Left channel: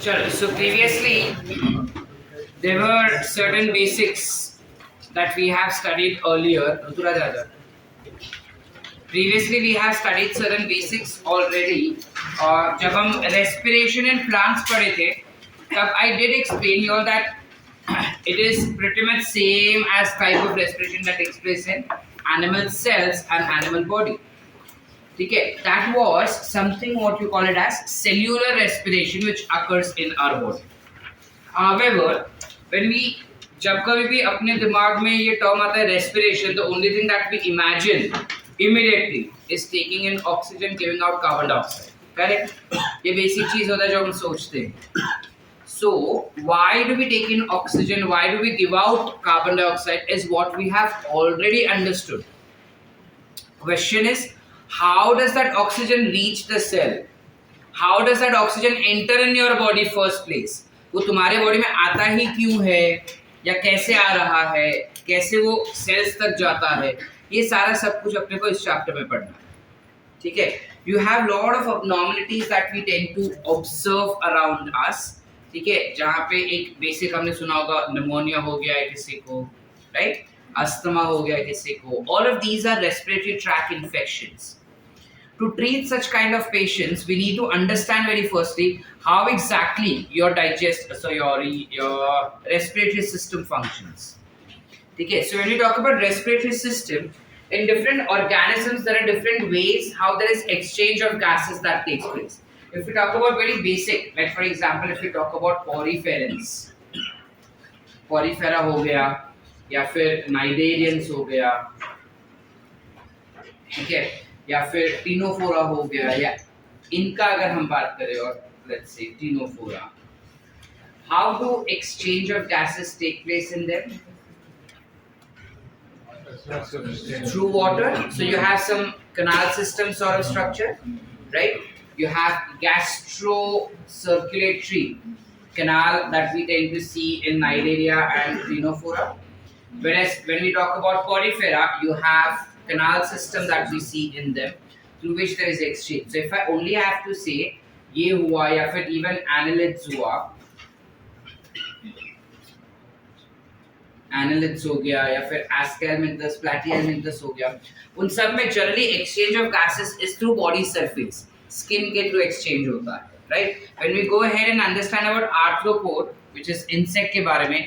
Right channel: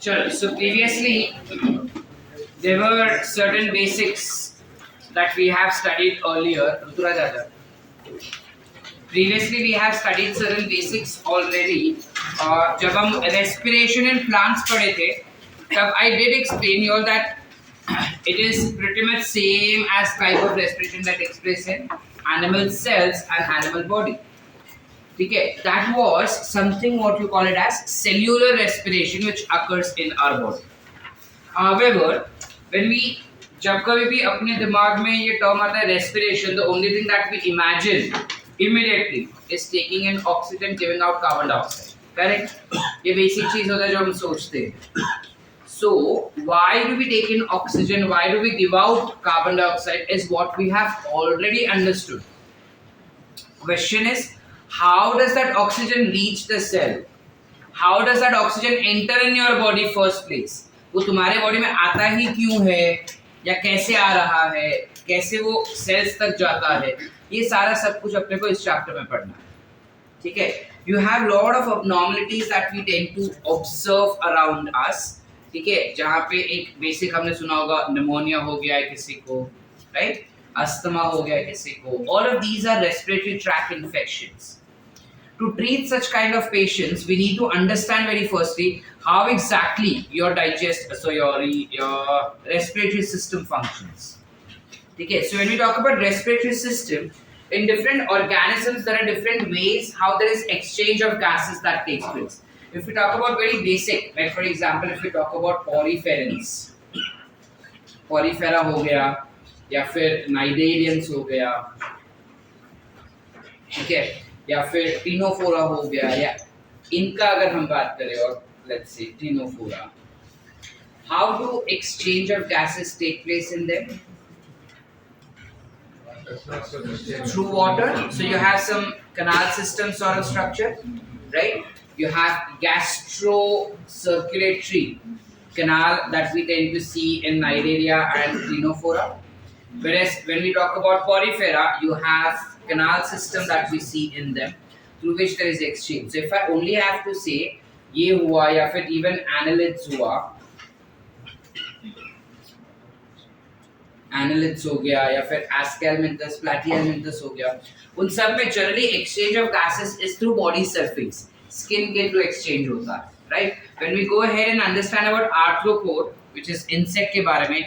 Sure. So previously there were certain basics that we have studied earlier. Ruturaj Yadav. Previously we have studied certain basics already. और जब हम respiration in plants पढ़े थे, तब I did explain you all that it is pretty much same as type of respiration that takes place in animal cells and animal body. ठीक है, that was something what you call it as cellular respiration which occurs in our body. However, when we जब कभी भी अपने दिमाग में ये term आता है respiration, the only thing that we imagine immediately is taking in oxygen, giving out carbon dioxide. Correct? ये basic चीज होता है जो हम सोचते हैं. So why do we take in oxygen? Why do we give out carbon dioxide? Is what we have already understood. Question is, how does that oxygen reach the cell? How does that oxygen enter in your body first place? वो तुम्हारे body में आता ही क्यों है, या कैसे आ रहा है, कैसे वो सेल्स तक जाता है, ये सारा सब कुछ अपने को इस चैप्टर में पढ़ना है. ठीक है. You have lot of abnormalities that we tend to observe around us. ठीक है, जहाँ पे एक बेसिक हमने सुना होगा, निमोनिया हो गया है किसी को, राइट, अस्थमा हो गया है किसी को. All of these are respiratory tract infections. To treat such kind of patients, we need to understand very firstly how exactly your respiratory system functions. Okay, so when we talk about respiratory system, in different organisms there are different ways how there is exchange of gases that takes place. If we talk about very basic, like for example, if we talk about poriferans, porifera हो गया या फिर cnidarians हो गया, ठीक है, या फिर टिनोफोरा हो गया, या इनका अगर हम बात करें, और let's say ctenophora, how do exchange of gases take place in them? Through water. So you have some canal system sort of structure, right? You have gastro circulatory canal that we tend to see in Cnidaria and Ctenophora, whereas when we talk about porifera, you have canal system that we see in them through which there is exchange. So if I only have to say ये हुआ, या फिर even annelids हुआ, annelids हो गया, या फिर ascalminthus, platyhelminthes हो गया, उन सब में generally exchange of gases is through body surface, skin के through exchange होता है, right? When we go ahead and understand about arthropod, which is insect के बारे में,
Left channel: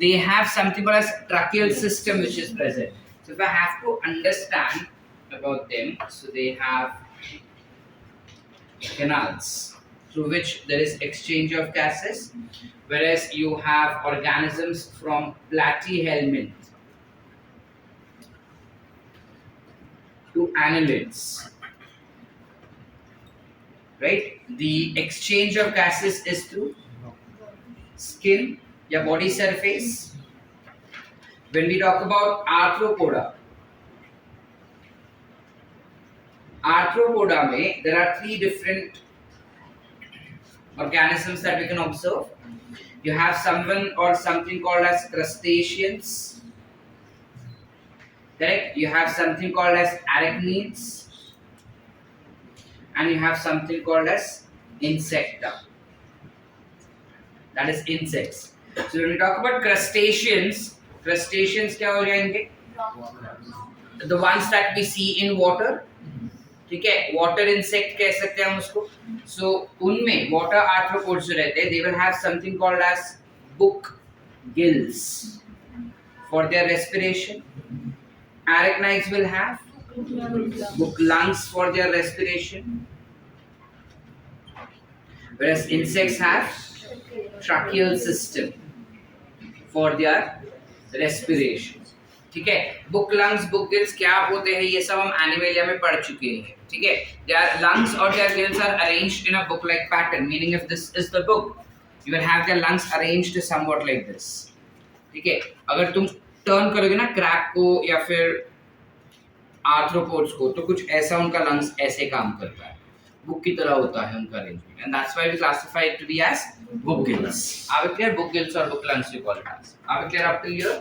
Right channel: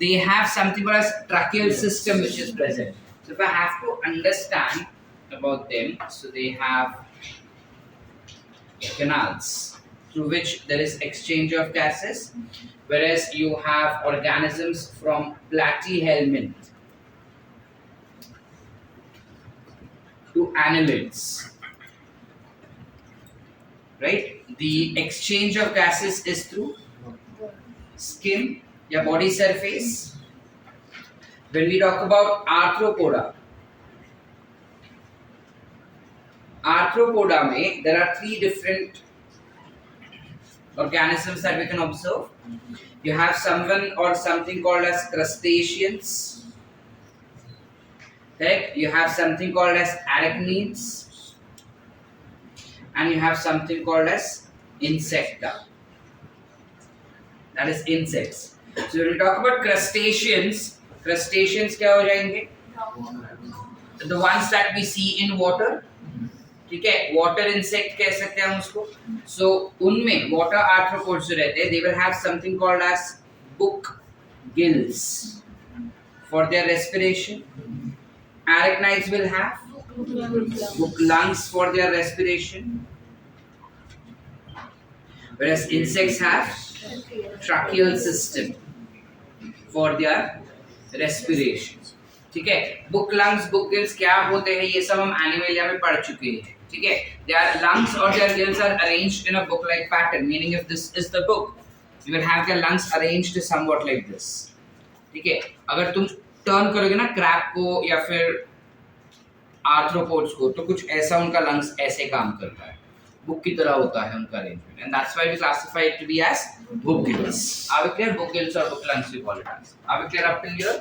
they have something called as tracheal system which is present. So if I have to understand about them, so they have canals through which there is exchange of gases, whereas you have organisms from platyhelminth to annelids, right? The exchange of gases is through skin, या body surface. When we talk about arthropoda में there are three different organisms that we can observe. You have someone or something called as crustaceans, correct? You have something called as arachnids, and you have something called as insecta, that is insects. So when we talk about crustaceans क्या हो जाएंगे? The ones that we see in water, ठीक है, water insect कह सकते हैं हम उसको. So उनमें water arthropods जो रहते हैं, they will have something called as book gills for their respiration. Arachnids will have book lungs for their respiration, whereas insects have tracheal system for their respiration. ठीक है. बुक लंग्स, बुक गिल्स क्या होते हैं, ये सब हम animalia में पढ़ चुके हैं. ठीक है. their lungs or their gills are arranged in a book like pattern, meaning if this is the book, you will have their lungs arranged somewhat like this. ठीक है. अगर तुम टर्न करोगे ना क्रैब को या फिर आर्थ्रोपोड्स को, तो कुछ ऐसा उनका लंग्स ऐसे काम करता है, बुक की तरह होता है उनका arrangement, and that's why we classify it to be as book gills. Are we clear? Book gills or book lungs we call it as. Are we clear up till here?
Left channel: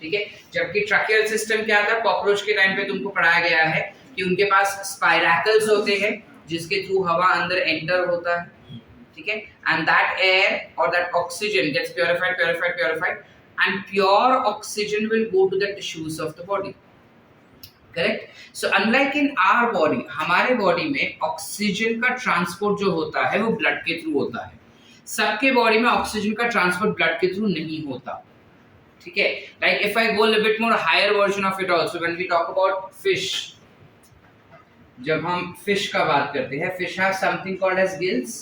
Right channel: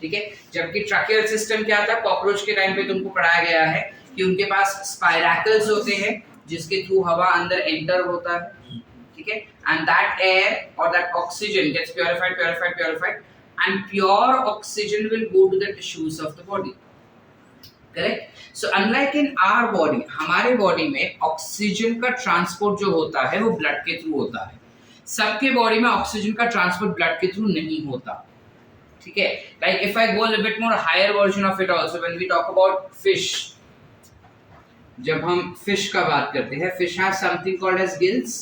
ठीक है. जबकि tracheal system क्या था, cockroach के time पे तुमको पढ़ाया गया है कि उनके पास स्पाइरैकल्स होते हैं जिसके थ्रू हवा अंदर एंटर होता है. ठीक है, and that air or that oxygen gets purified, and pure oxygen will go to the tissues of the body. Correct? So unlike in our body, हमारे बॉडी में ऑक्सीजन का ट्रांसपोर्ट जो होता है वो ब्लड के थ्रू होता है. सबके बॉडी में ऑक्सीजन का ट्रांसपोर्ट ब्लड के थ्रू नहीं होता. ठीक है, like if I go a little bit more higher version of it also, when we talk about fish, जब हम फिश का बात करते हैं, fish have something called as gills,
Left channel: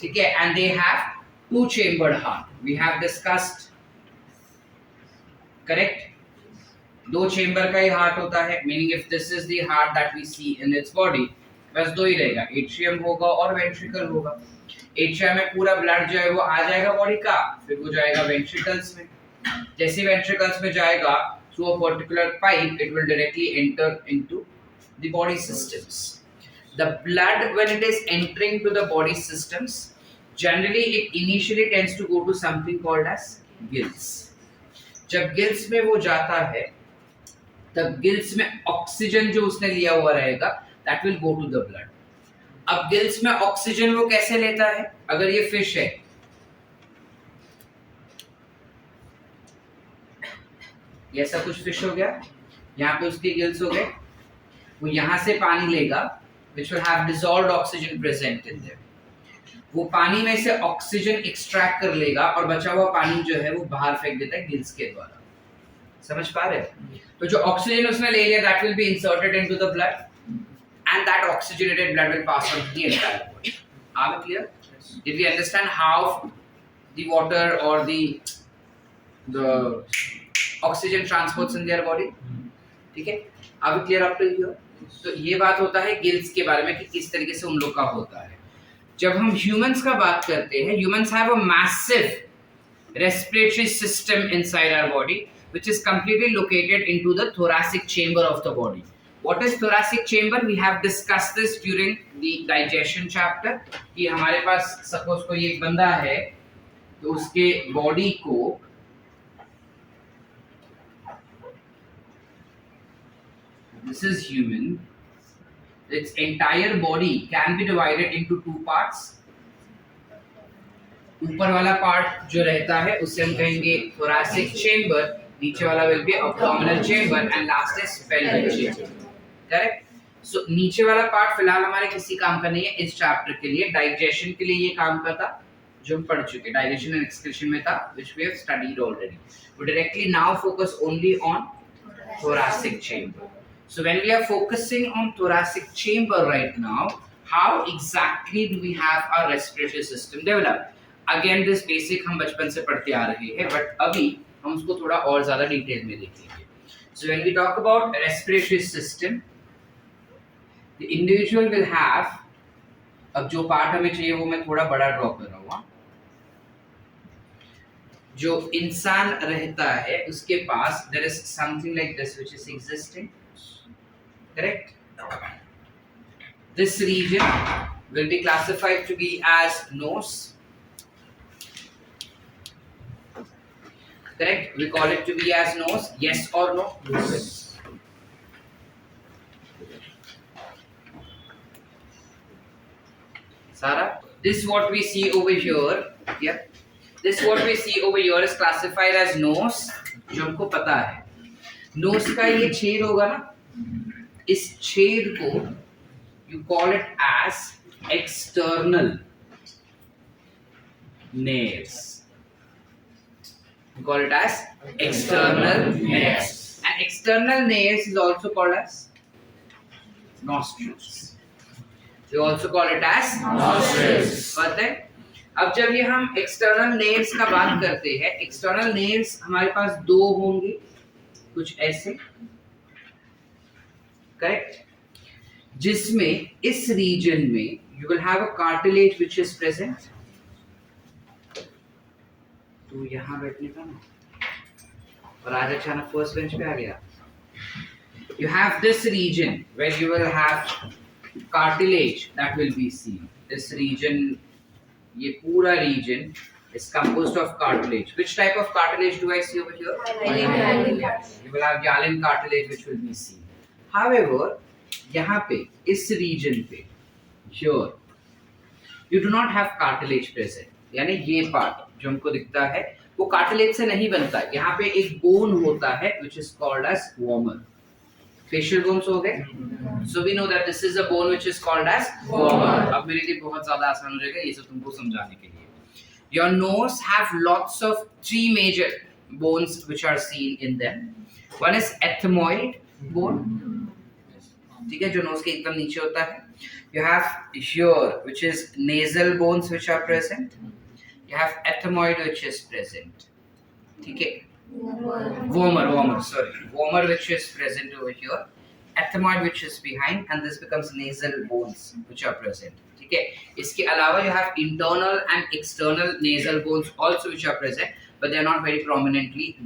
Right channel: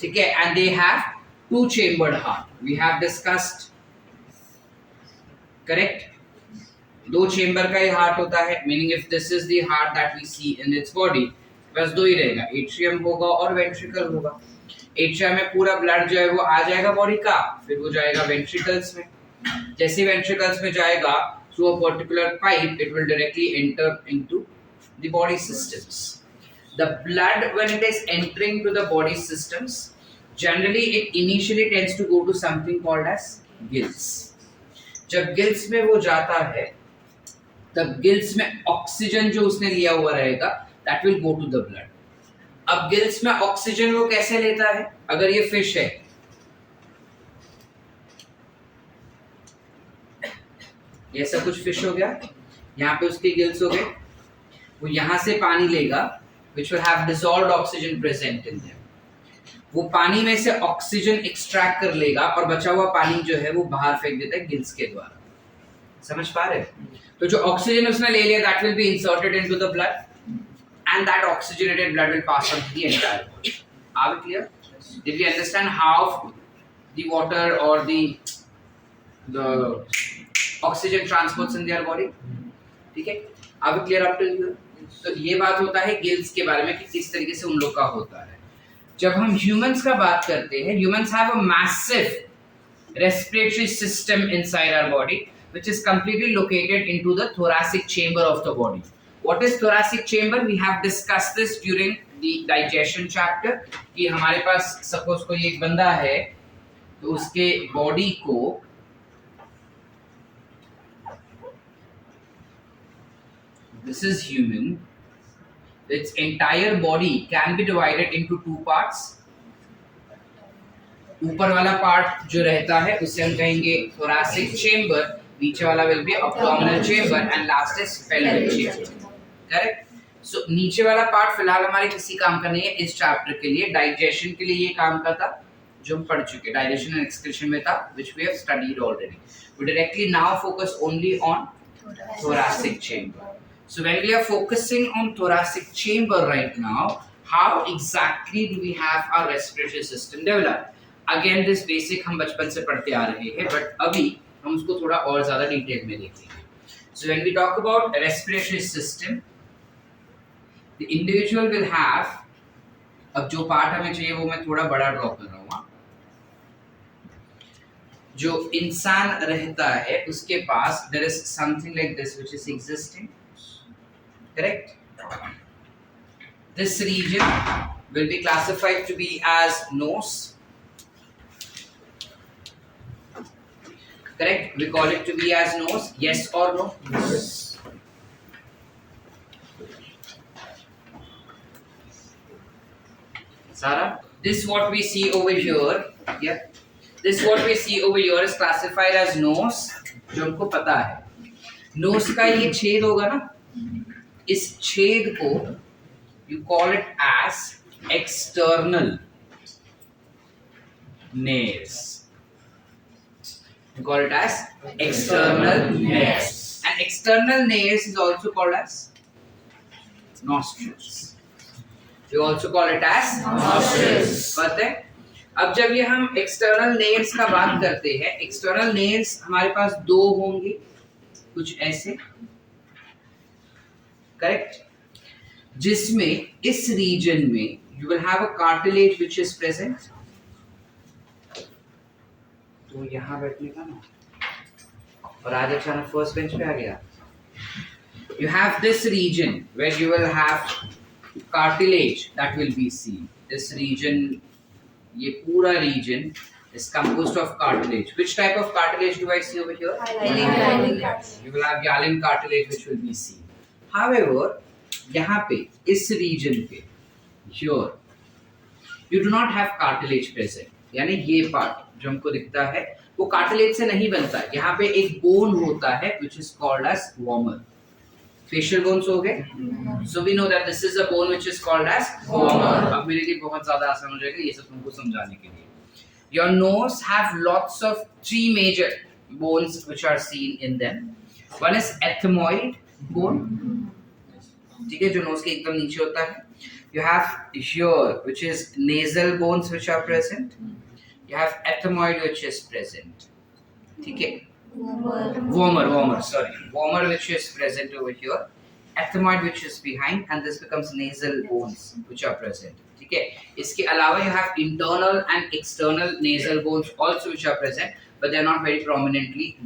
ठीक है, and they have two chambered heart. We have discussed, correct? दो chamber का ही हार्ट होता है, meaning if this is the heart that we see in its body, बस दो ही रहेगा, एट्रियम होगा और वेंट्रिकल होगा. एट्रियम में पूरा ब्लड जो है वो आ जाएगा बॉडी का, फिर वो जाएगा वेंट्रिकल्स में. जैसे वेंट्रिकल्स में जाएगा through a particular pipe, it will directly enter into the body systems. The blood, when it is entering to the body systems, generally it initially tends to go to something called as gills. जब gills में वो जाता है, तब gills में oxygen जो उसने लिया हुआ रहेगा, that will go to the blood. अब गिल्स में ऑक्सीजन वो कैसे लेता है? अगर ये फिश है, ये सब कुछ फिश हो गया, यहाँ पे उसके गिल्स हो गए, वो यहाँ से पानी लेगा, which will have dissolved oxygen present in them. वो पानी में से ऑक्सीजन एक्सट्रैक्ट कर लेगा और बचा हुआ पानी जो है वो बाहर फेंक देता है गिल्स के द्वारा. समझ पा रहे हैं? तो जो ऑक्सीजन उसने ले लिया, that will be inserted into the blood, and that oxygenated blood will pass on to the entire body. Are we clear? Did we understand how the water or the oxygen transports in their body? ठीक है? Are we clear up to here? तो ये बात होता है gills के बारे में कि किस तरीके से उन लोग का होता है. जब हम ह्यूमंस का बात करते हैं, humans have a massive respiratory system inside our body which is completely located into the thoracic chamber of the body. What is thoracic chamber? We have discussed this during the digestion chapter कि हमारे पास suppose कोई एक बंदा है, तो उसके body को this is human, its entire body can be divided into two parts. ऊपर वाला पार्ट जो रहता है उसे हम कहेंगे thoracic chamber, नीचे वाला will be abdominal chamber, and last is pelvic chamber. Correct? So नीचे वाला पार्ट फिलहाल हमारे किसी काम का नहीं है इस चैप्टर के लिए. डाइजेशन के लिए ये काम का था जो हम पढ़ चुके, डाइजेशन एंड एक्सक्रीशन में था, which we have studied already. We directly now focus only on thoracic chamber. So when we are focusing on thoracic chamber right now, how exactly do we have our respiratory system developed? Again, this basic हम बचपन से पढ़ते आ रहे हैं, but अभी हम उसको थोड़ा और ज़्यादा डिटेल में देखेंगे. So when we talk about respiratory system, the individual will have, अब जो पार्ट हमें चाहिए वो मैं थोड़ा बड़ा ड्रॉ कर रहा हूँ. जो इंसान रहता है उसके पास there is something like this which is existing. Correct? This region will be classified to be as nose. Correct? We call it to be as nose. Yes or no? Yes. Sarah, this what we see over here. Yeah. This what we see over here is classified as nose. जो हमको पता है. Nose का ये छेद होगा ना? इस छेद को you call it as external nares. You call it as external nares. And external nares is also called as nostrils. You also call it as nostrils. पता है? अब जब ये हम external nares का बात करते हैं, external nares हमारे पास दो होंगे, कुछ ऐसे, करेक्ट, जिसमें इस रीजन में you will have a cartilage which is present. तो यहां बैठने का ना, और आगे अचानक फर्स्ट बेंच पे आ गया. You have this region where you will have cartilage that will be seen. This region, ये पूरा region is composed of cartilage. Which type of cartilage do I see over here? Hyaline. You will have hyaline cartilage which will be seen. However, यहाँ पे इस reason पे here You do not have cartilage present, यानी ये part जो हमको दिखता है वो कार्टिलेज से नहीं बनता. यहाँ पे एक बोन होता है which is called as vomer. Facial bones हो गए. So we know that this is a bone which is called as vomer. अब मेरे लिए बहुत ज़्यादा आसान हो जाएगा ये सब तुमको समझाने के लिए. Your nose have lots of three major bones which are seen in them. One is ethmoid bone, ठीक है, जो nose के एकदम नीचे होता है. You have here which is nasal bones which are present. You have ethmoid which is present, ठीक है. Vomer which is present over here, ethmoid which is behind, and this becomes nasal bones which are present, ठीक है. इसके अलावा you have internal and external nasal bones also which are present, but they are not very prominently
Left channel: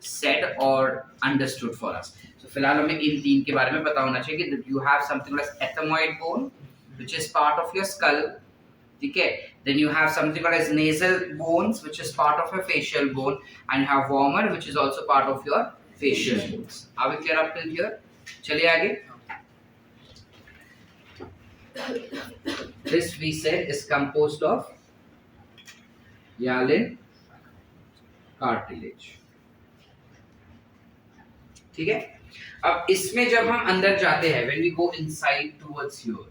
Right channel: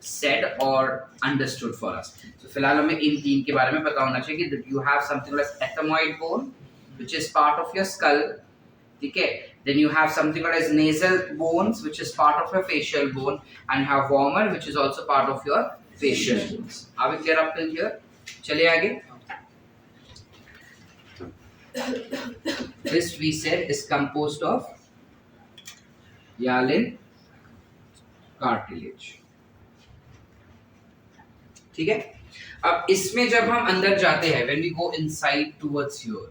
said or understood for us. So फिलहाल हमें इन तीन के बारे में पता होना चाहिए कि you have something like ethmoid bone which is part of your skull, ठीक है. Then you have something called as nasal bones which is part of your facial bone, and you have vomer which is also part of your facial bones. Are we clear up till here? चलिए आगे. This we said is composed of hyaline cartilage, ठीक है. अब इसमें जब हम अंदर जाते हैं, when we go inside towards here,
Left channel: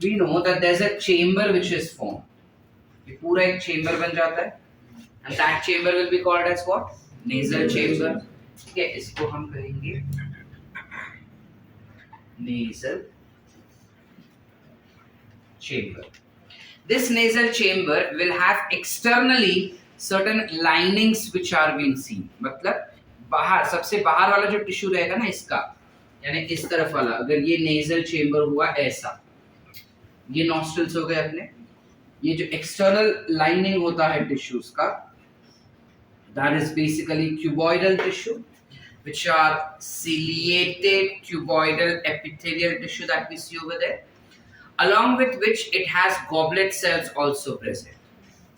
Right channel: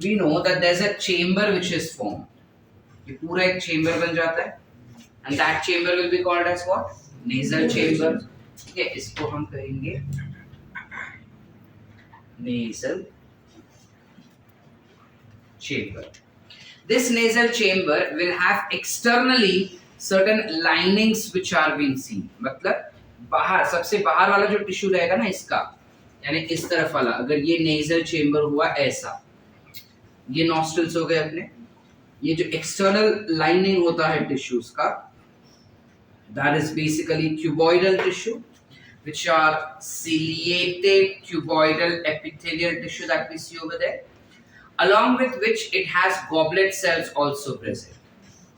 we know that there's a chamber which is formed. ये पूरा एक chamber बन जाता है, and that chamber will be called as what? Nasal chamber, ठीक है. इसको हम कहेंगे nasal chamber. This nasal chamber will have externally certain linings which are being seen. मतलब बाहर, सबसे बाहर वाला जो टिश्यू रहेगा ना इसका, यानी इस तरफ वाला, अगर ये नेजल चेंबर हुआ ऐसा, ये नॉस्ट्रल्स हो गए अपने, ये जो एक्सटर्नल लाइनिंग होता है टिश्यूज का, that is basically cuboidal tissue, which are ciliated cuboidal epithelial tissue that we see over there, along with which it has goblet cells also present.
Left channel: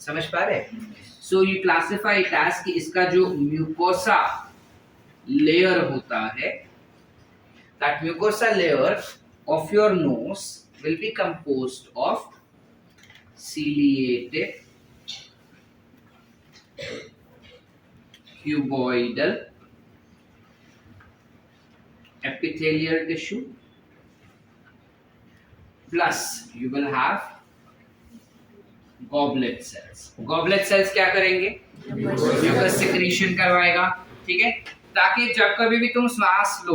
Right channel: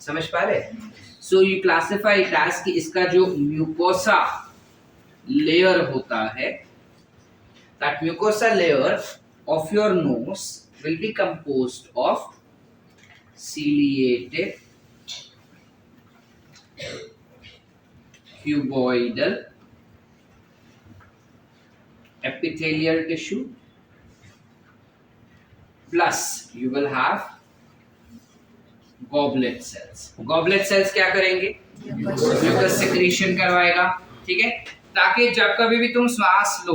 समझ पा रहे? So you classify it as कि इसका जो mucosa layer होता है, that mucosa layer of your nose will be composed of ciliated cuboidal epithelial tissue, plus you will have goblet cells. Goblet cells क्या करेंगे? mucus secretion करवाएगा, ठीक है, ताकि जब कभी भी तुम श्वास लो,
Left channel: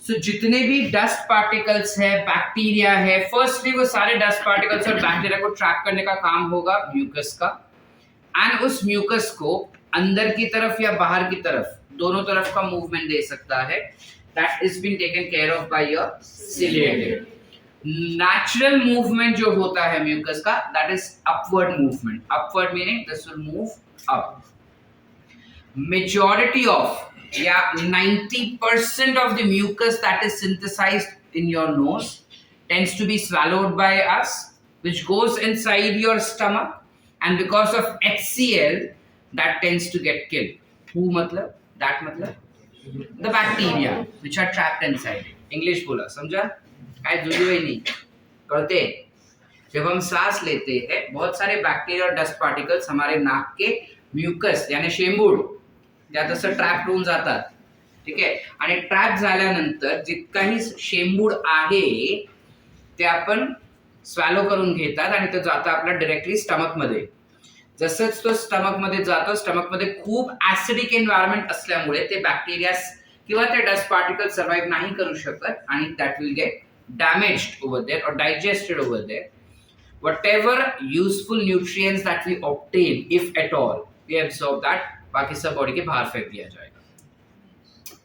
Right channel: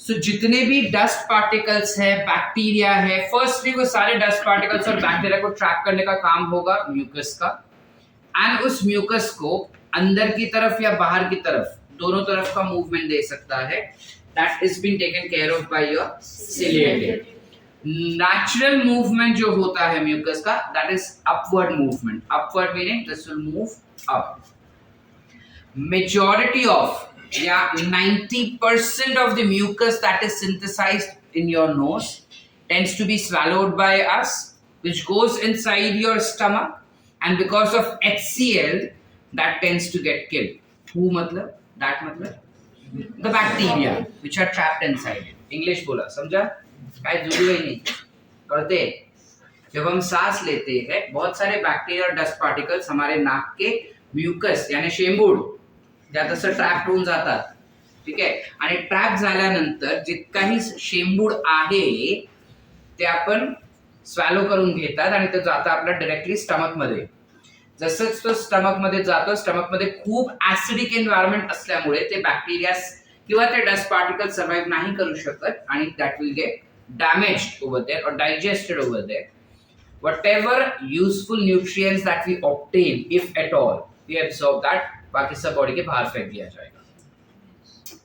सो जितने भी डस्ट पार्टिकल्स है, बैक्टीरिया है, फर्स्टली वो सारे डस्ट पार्टिकल्स और बैक्टीरिया को ट्रैप करने का काम होगा म्यूकस का, एंड उस म्यूकस को अंदर की तरफ या बाहर की तरफ, दोनों तरफ का मूवमेंट दे सकता है. That is been taken care of by your ciliated. Natural movement जो होता है म्यूकस का, that is upward movement. Upward meaning this will move up. Majority of 90% of the mucus that is synthesized in your nose tends to be swallowed by us, which goes inside your stomach, and because of HCl that tends to get killed. Who matlab? That matlab the bacteria which are trapped inside it. English बोला, समझा? काय जरूरी नहीं पढ़ते. जब हम सांस लेते हैं, बहुत सारे बैक्टीरिया और डस्ट पार्टिकल्स हमारे नाक के म्यूकस यानी शेंबूड ज्यादा असं ट्रॅप होऊन जातात, ठीक आहे. आणि ट्रॅप झाल्यानंतर जितकाही शेंबूड आहे ते आपण स्वॅलो करून घेतात आणि ते जातं आपल्या डायरेक्टली स्टमक मध्ये. जसंच तो स्टमक मध्ये जातो, स्टमक मध्ये खूप ऍसिडिक एन्व्हायरमेंट असल्यामुळे ते बॅक्टेरिया किंवा ते डस्ट पार्टिकल सर्वाइव्ह नाही करू शकत आणि that will get damaged over there or digested over there. Whatever useful nutrients that we obtain, if at all, we absorb that, बाकी सब बॉडी के बाहर फेंक दिया जाएगा.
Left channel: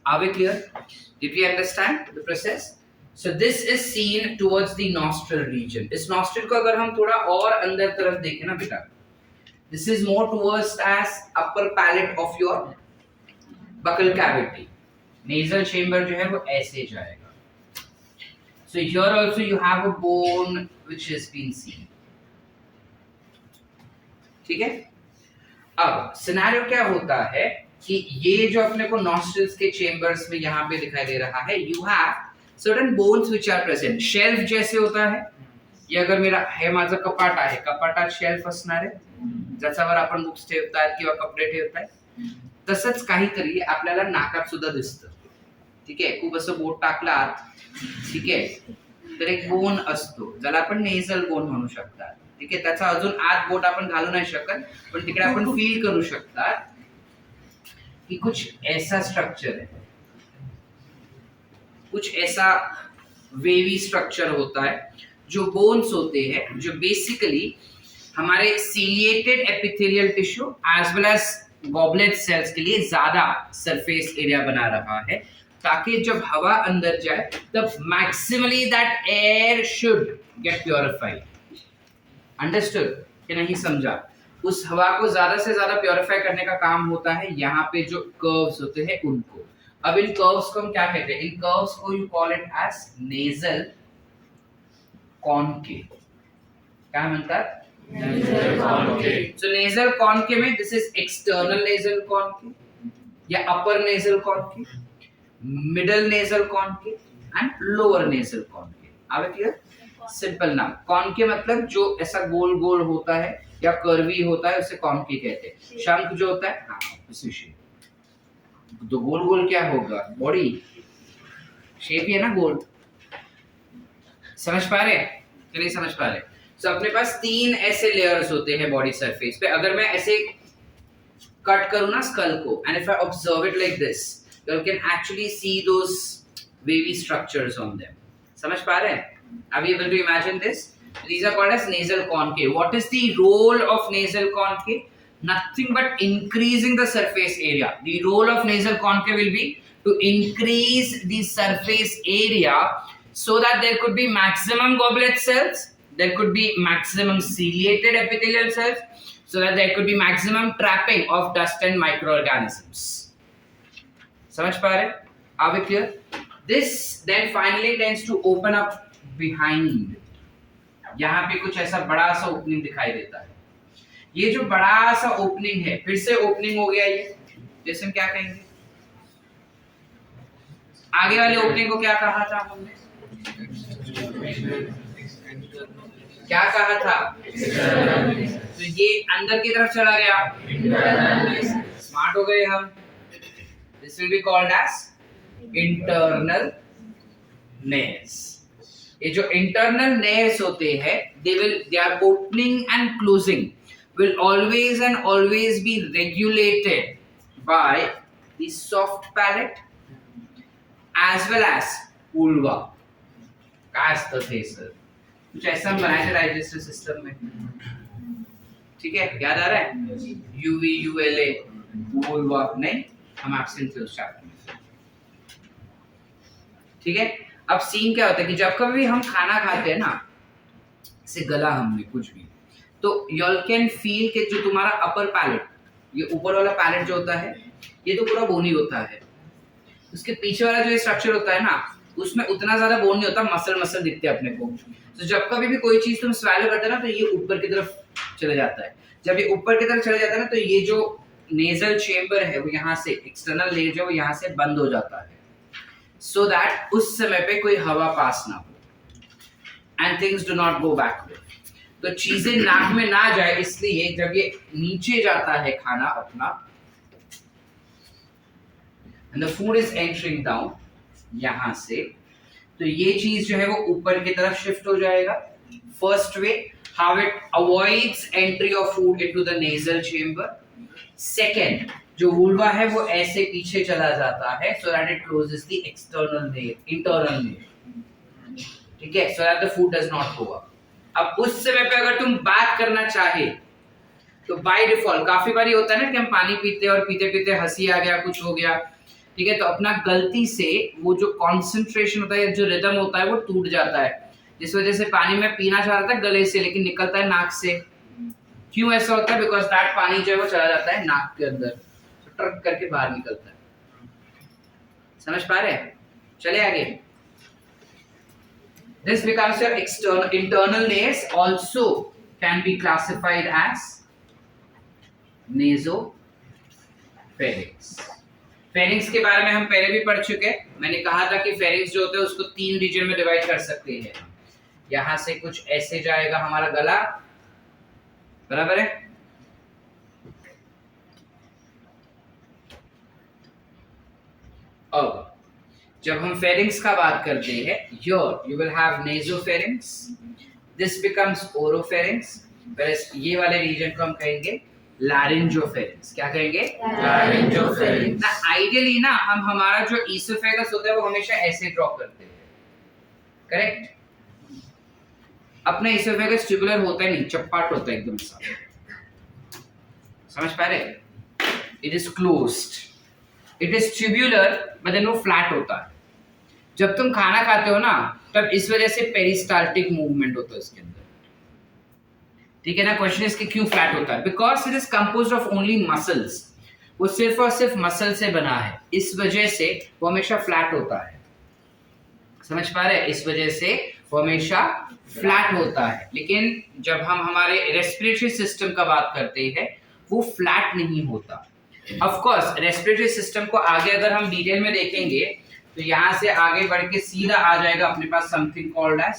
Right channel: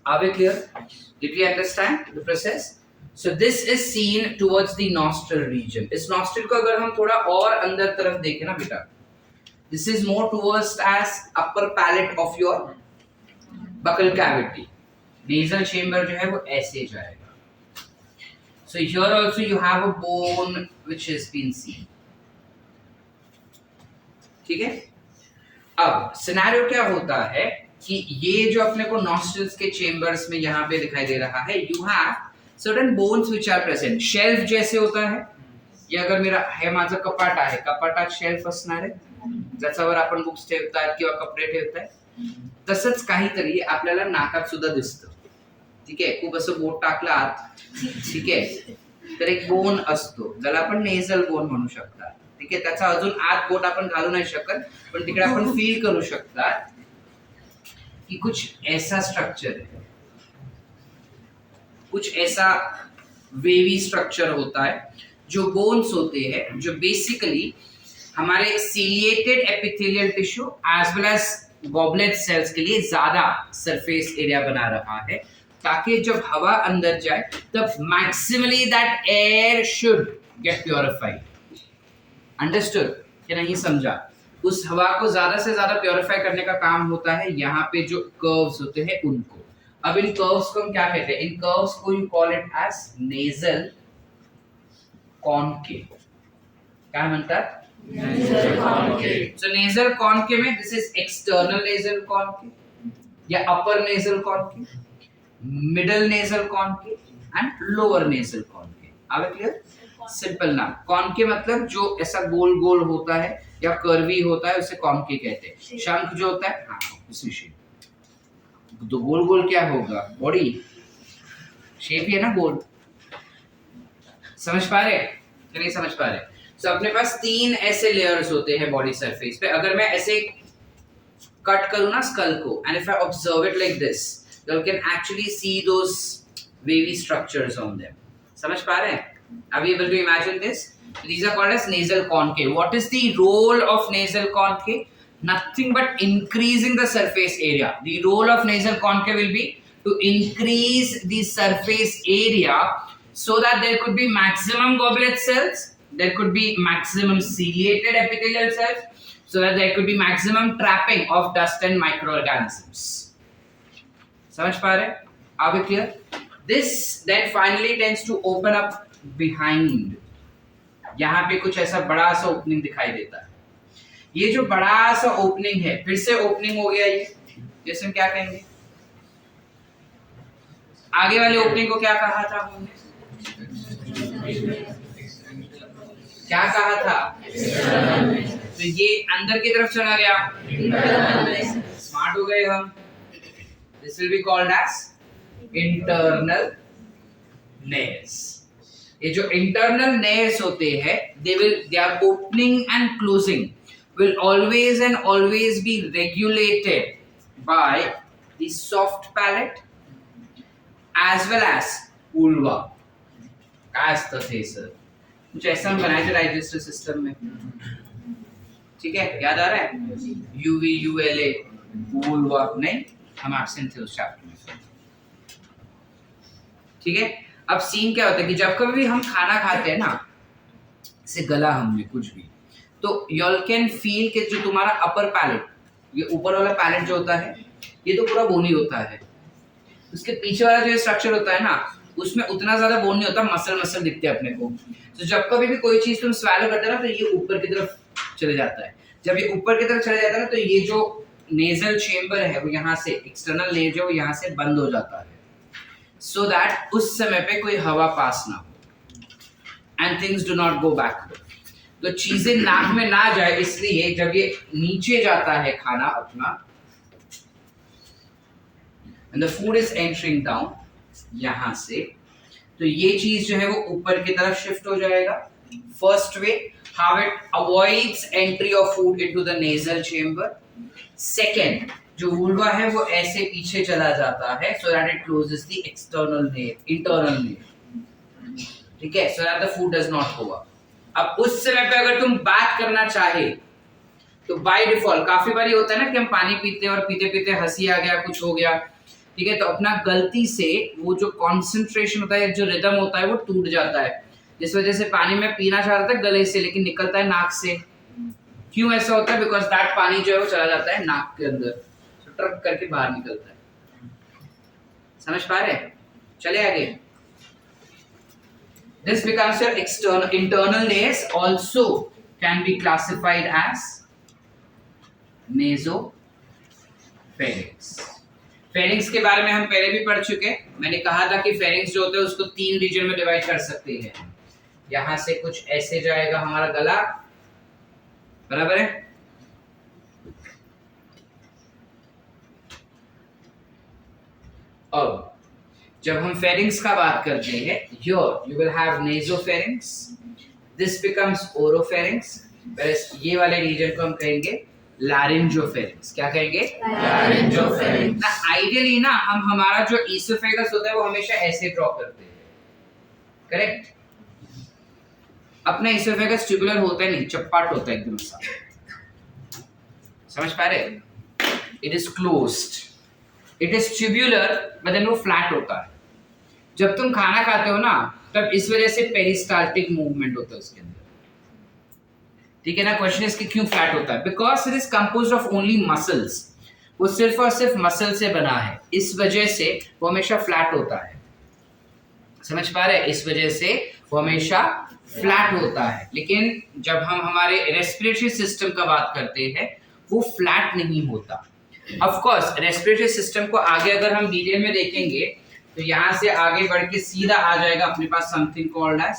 Are we clear? Did we understand the process? So this is seen towards the nostril region. इस nostril को अगर हम थोड़ा और अंदर तरफ देखें ना बेटा, this is more towards as upper palate of your buccal cavity. Nasal chamber जो है वो ऐसे जाएगा. So here also you have a bone which has been seen. ठीक है. अब सिनेरियो क्या होता है कि ये जो अपने को नॉस्ट्रल्स के चेम्बर्स में यहाँ पे दिखाई दे रहा है, you have certain bones which are present. Shelf जैसे होता है, ये अगर मेरा हे माझं कपाट आहे, कपाटात शेल्फ असणार आहे ज्याच्यावर आपण बुक्स ठेवतात किंवा कपडे ठेवताय, तसंच काहीतरी आपल्याला नाकात सुद्धा दिसतं. ठीक आहे, खूप असं बोट टाकला आत, ठीक आहे, तर एक बोन असतो ज्याला आपण नेझल बोन म्हणू शकतात. ठीक आहे, त्याचा अजून आत बोट आपण घालू नाही शकत, पण तिकडे आपण फील करू शकतात कि कुछ ऐसा स्ट्रक्चर है, कुछ ऐसा वेवी स्ट्रक्चर होता है जो बोन्स होते हैं, जो बेसिकली हमारे ciliated epithelial tissue as well as goblet cells के लिए ज्यादा सरफेस एरिया बना रहा है, ताकि जब हवा अंदर जाए तब maximally that air should get purified. Understood कि नहीं समझा? उस हवा को ज्यादा से ज्यादा प्योरीफाई करने का काम होता है यहाँ पे जो कर्व्स होते हैं उनको. अब इन कर्व्स को हम क्या कहते हैं? इन कर्व्स को you call it as nasal concave. क्या म्हणतात? Nasal concave. So nasal concave में this is external nasal concave या upper nasal concave, middle nasal concave and lower nasal concave. Are we clear? Simple नाम. कॉनकेव मतलब जो ऐसा गोल गोल होता है या कर्वी होता है उसे कॉनकेव कहते हैं. शंख जो होता है, हाँ उसी शेप. तो गोल गोल क्या होगा? बॉडी शेप ही है ना गोल. समझ पा रहे कि नहीं समझ पा रहे? सो अपने पास 3 ऐसे लेयर्स होते हैं बॉडी सरफेस पे. अगर मैं ऐसे कट करूं ना स्कल को, and if I observe it like this, you can actually see those wavy structures on them. समझ पा रहे हैं? Are you able to imagine this? These are called as nasal concave. What is the role of nasal concave? Nothing but increasing the surface area. The role of nasal concave will be to increase the surface area so that there could be maximum goblet cells, there could be maximum ciliated epithelial cells, so that there could be maximum trapping of dust and microorganisms. समझ पा रहे? Are we clear? This then finally tends to open up behind. यहाँ पे कुछ ऐसा बड़ा सा opening दिखाई देता है. ये जो बड़ा सा ओपनिंग है, फिर से ओपनिंग हो गया ये, जैसे हम क्या कहेंगे? आगे वाले ओपनिंग को क्या कहा था हमने? क्या कहा था? तो ये अंदर की तरफ चला गया. स्मार्ट हो गए हम. This will be called as internal nares. ये जो internal nares होते हैं, their opening and closing will always and always be regulated by the soft palate as well as vulva. As the sir. कुछ ऐसा हम बनाए थे डाइजेस्टिव सिस्टम में. ठीक है, याद आ रहा है? UV, ULA, vulva नहीं? हम एब्सेंट थे उस चैप्टर में. ठीक है, अब सीन क्या होता है कि जब कभी भी हम खाना खाते हैं ना, से गला हमने कुछ भी, तो यू कैन फील कि जो तुम्हारा अपर पैलेट, ये ऊपर वाला पैलेट जो होता है, ये तो पूरा बोनी होता है. उसके पीछे वाला जो स्ट्रक्चर होता है ना, उसमें उतना ज्यादा बोन नहीं होता, मसल मसल दिखते हैं अपने को. तो जब कभी भी कोई चीज तुम स्वैलो करते हो ना, तो ये ऊपर की तरफ चले जाता है. जब ये ऊपर की तरफ चले जाता है ना, तो ये जो नेजल चेम्बर है वो यहाँ से, एक्सटर्नल लेयर जो यहाँ से बंद हो जाता है, सो दैट उस समय पे कोई हवा पास ना हो and things do not go backward. तो चीजें नाक में ना जाए, इसलिए जब ये नीचे जाता है खाना अपना, and the food is entering down यहाँ से, तो ये चीज जो है वो ऊपर की तरफ शिफ्ट हो जाएगा. First way, how it avoids entry of food into the nasal chamber. Second, जो वुल्वा है वो ऐसे पीछे चला जाता है, so that it closes the external layer, internal layer. ठीक है, so that the food does not go up. अब उस समय पे अगर तुम बात करना चाहे तो बाय डिफॉल्ट काफी बारी होता है ना कि हम पानी पीते हैं और पीते पीते हंसी आ गया, कुछ हो गया. ठीक है, तो अपना गलती से वो जो कॉन्सेंट्रेशन होता है, जो रिदम होता है, वो टूट जाता है. जिस वजह से पानी में पीना चाह रहा था गले से, लेकिन निकलता है नाक से. क्यों ऐसा होता है? बिकॉज दैट पानी जो है वो चला जाता है नाक के अंदर, तो ट्रक करके बाहर निकलता है. समझ पा रहे हैं? चले आगे. This becomes your external, internal nares also can be classified as nasopharynx. Pharynx के बारे में हम पहले भी पढ़ चुके हैं. मैंने कहा था कि फेरिंक्स जो होता है उसको 3 रीजन में डिवाइड कर सकते हैं. यहाँ से कुछ ऐसे जाएगा हमारा गला, बराबर है। अब जब हम फेरिंग्स का बात करते हैं, you will have नेसोफेरिंग्स, this becomes oropharynx, whereas ये वाले रीजन को हम कहेंगे लैरिंजोफेरिंग्स। क्या कहेंगे? लैरिंजोफेरिंग्स। ना आइडियली ना हम हमारा जो ईसोफेगस होता है वो हमेशा ऐसे ड्रॉ करते हैं, करेक्ट? अपना ईसोफेगस ट्यूबुलर होता है नहीं, चप्पाट होता है एकदम सा, समझ पा रहे? It is closed, it is tubular but then वो फ्लैट होता है। जब तुम खाना खाते हो ना तब इस वजह से पेरिस्टाल्टिक मूवमेंट होता है उसके अंदर, ठीक है ना। क्वेश्चन इज कि क्यों फ्लैट होता है? Because it is composed of only muscles, वो सिर्फ और सिर्फ मसल से बना है, इस वजह से वो हमेशा फ्लैट होता है, समझ पा रहे? इस वजह से वो हमेशा फ्लैट होता है। लेकिन जब हम हमारे रेस्पिरेटरी सिस्टम का बात करते हैं वो फ्लैट नहीं होता। ऑफ कोर्स रेस्पिरेटरी सिस्टम को आगे अगर हम डिटेल में देखेंगे तो यहां से आगे बढ़ के सीधा आ जाएगा अपने पास समथिंग कॉल्ड एज,